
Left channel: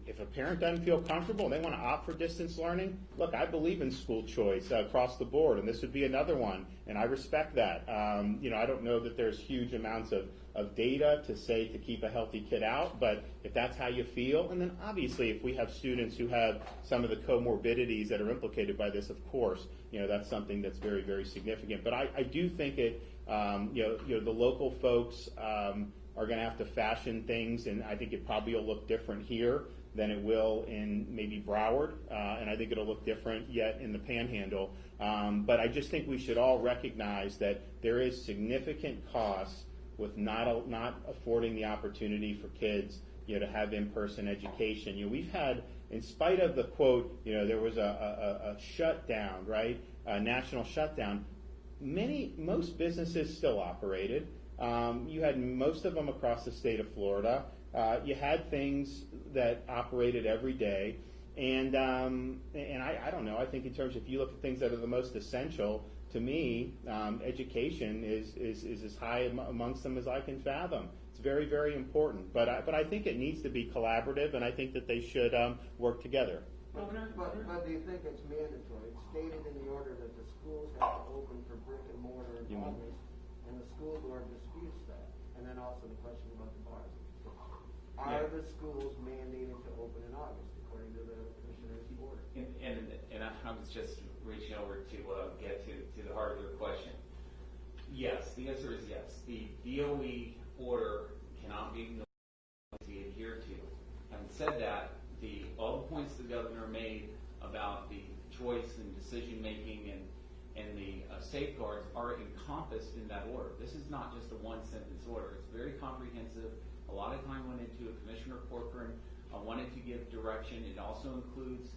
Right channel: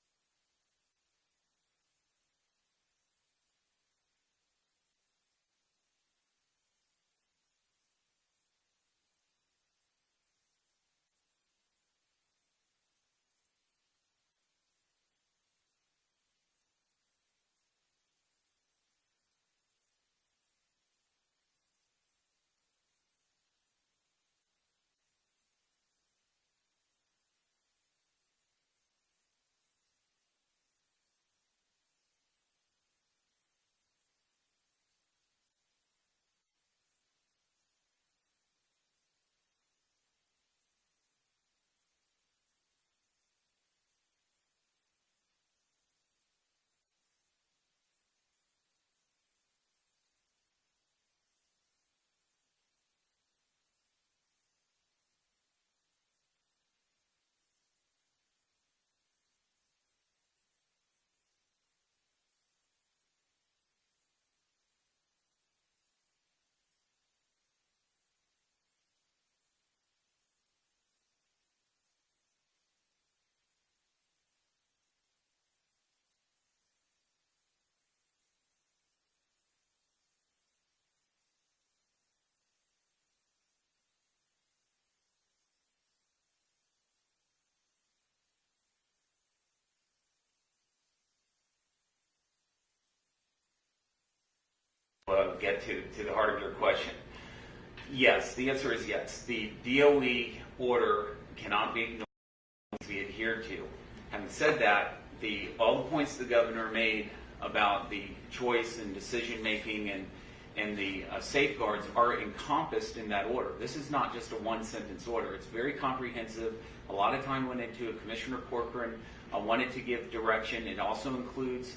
if a parent doesn't feel comfortable and they want to opt for distance learning, look, I believe in school choice across the board, and this would be another one, and I respect that. I don't know that there's huge amounts of data to say to keep a healthy kid out, but if that's how you feel, and then obviously if we have students who have some of the comorbidities that are implicated by this, of course, that's something that's very, very significant. But I do think the local folks are going to have to fashion things, and I think it probably will look different here than it will in maybe Broward, and I think it'll look different yet in the Panhandle. But I just think we should all recognize that there is significant costs with not affording the opportunity for kids, to have in-person education. We've had, in spite of the quote, there was a shutdown, right? A national shutdown. Most businesses still operated. You had most of them across the state of Florida. You had things that operated every day, and I don't know. I think in terms, if you look at things that are the most essential, to me, education is as high amongst them as I can fathom. It's very, very important. But I think it needs to be collaborative, and I think that they should work together. But do you think it's mandatory? It's stated in the order that the schools have to open for brick and mortar in August, and the school board disputes that. And then also the question about the bars. Are the schools mandated to open in August, according to the commissioner's order? And I was just reaching over to get to the heart of your question. Yes, the answer is yes. The DOE order cannot be ignored, to be adhered to. Having said that, all the points the governor made about the choice and decision making and the safeguards are encompassed in that order. This is not just a one-sentence order. It's very comprehensive. A lot of time went into it. Commissioner Corcoran wanted to give direction. It also includes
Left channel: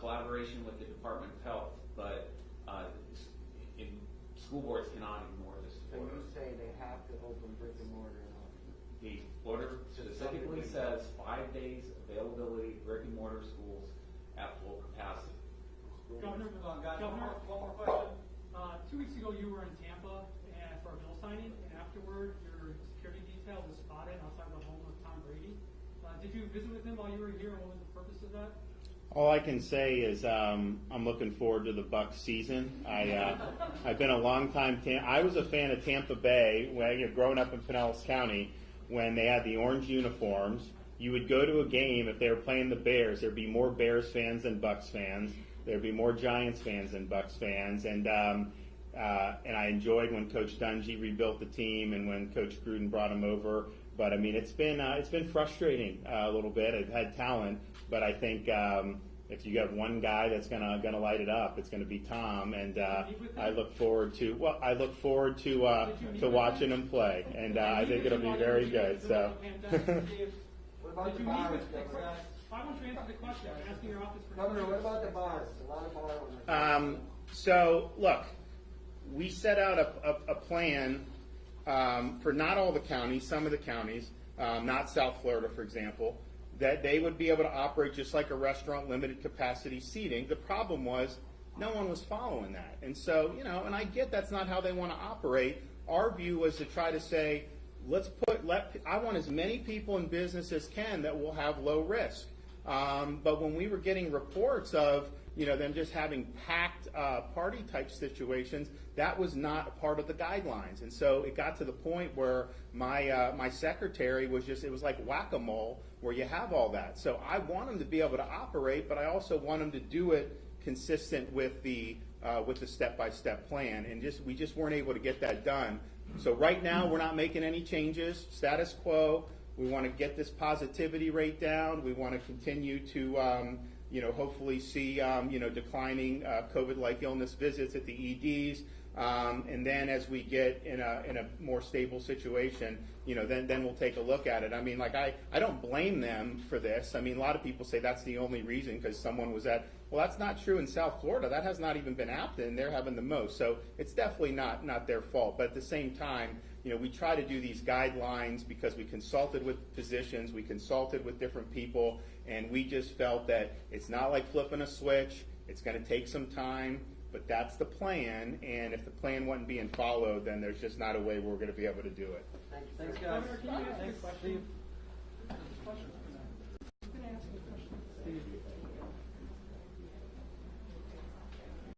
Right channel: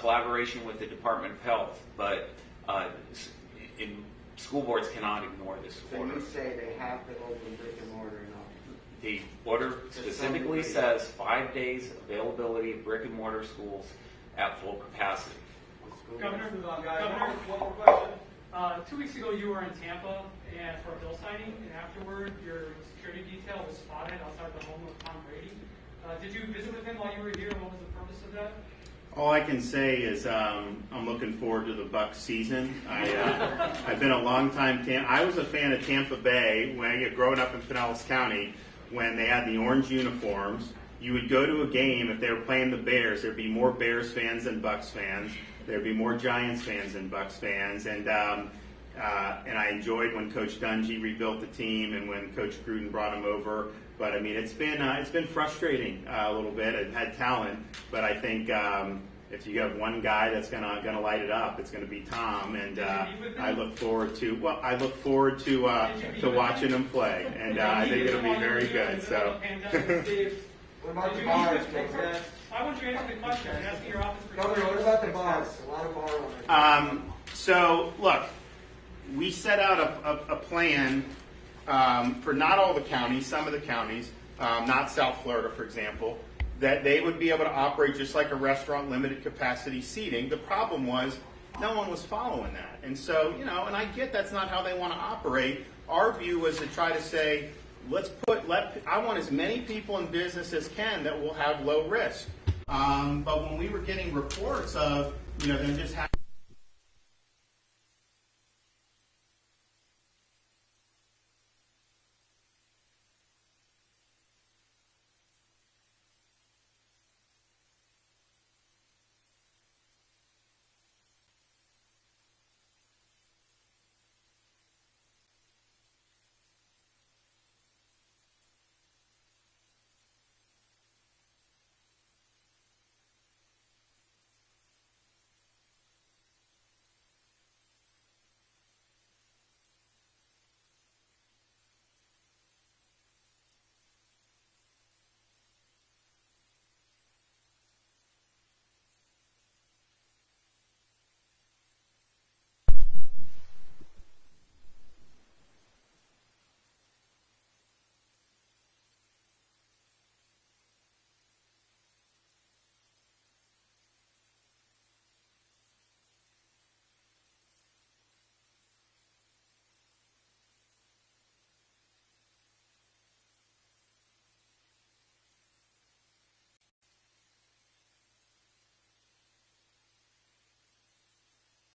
collaboration with the Department of Health, but school boards cannot ignore this order. So you say they have to open brick and mortar in August? The order specifically says 5 days availability of brick and mortar schools at full capacity. Governor, one more question. 2 weeks ago, you were in Tampa and for a bill signing, and afterward, your security detail was spotted outside the home of Tom Brady. Did you visit with him while you were here? What was the purpose of that? All I can say is I'm looking forward to the Bucs season. I've been a long time. I was a fan of Tampa Bay growing up in Pinellas County when they had the orange uniforms. You would go to a game if they were playing the Bears. There'd be more Bears fans than Bucs fans. There'd be more Giants fans than Bucs fans, and I enjoyed when Coach Dungy rebuilt the team and when Coach Gruden brought him over. But I mean, it's been frustrating a little bit. It had talent, but I think if you have one guy that's gonna light it up, it's gonna be Tom. And I look forward to watching him play, and I think it'll be very good. So. What about Did the you bars, use it? Governor? I want you to answer the question. I'm asking your office. Governor, what about the bars? A lot of bar owners. So, look, we set out a plan for not all the counties, some of the counties, not South Florida, for example, that they would be able to operate just like a restaurant, limited capacity seating. The problem was no one was following that. And so, and I get that's not how they want to operate. Our view was to try to say, I want as many people in business as can that will have low risk. But when we were getting reports of, them just having packed party type situations, that was not a part of the guidelines. And so it got to the point where my secretary was it was like whack-a-mole where you have all that. So I want them to be able to operate, but I also want them to do it consistent with the step-by-step plan. And we just weren't able to get that done. So right now we're not making any changes, status quo. We want to get this positivity rate down. We want to continue to, hopefully see, declining COVID-like illness visits at the EDs. And then as we get in a more stable situation, then we'll take a look at it. I mean, I don't blame them for this. I mean, a lot of people say that's the only reason because someone was well, that's not true in South Florida. That has not even been happening, and they're having the most. So it's definitely not their fault. But at the same time, we try to do these guidelines because we consulted with physicians, we consulted with different people, and we just felt that it's not like flipping a switch. It's going to take some time, but that's the plan. And if the plan wasn't being followed, then there's just not a way we're going to be able to do it. Thanks, guys. Governor, can you ask this question?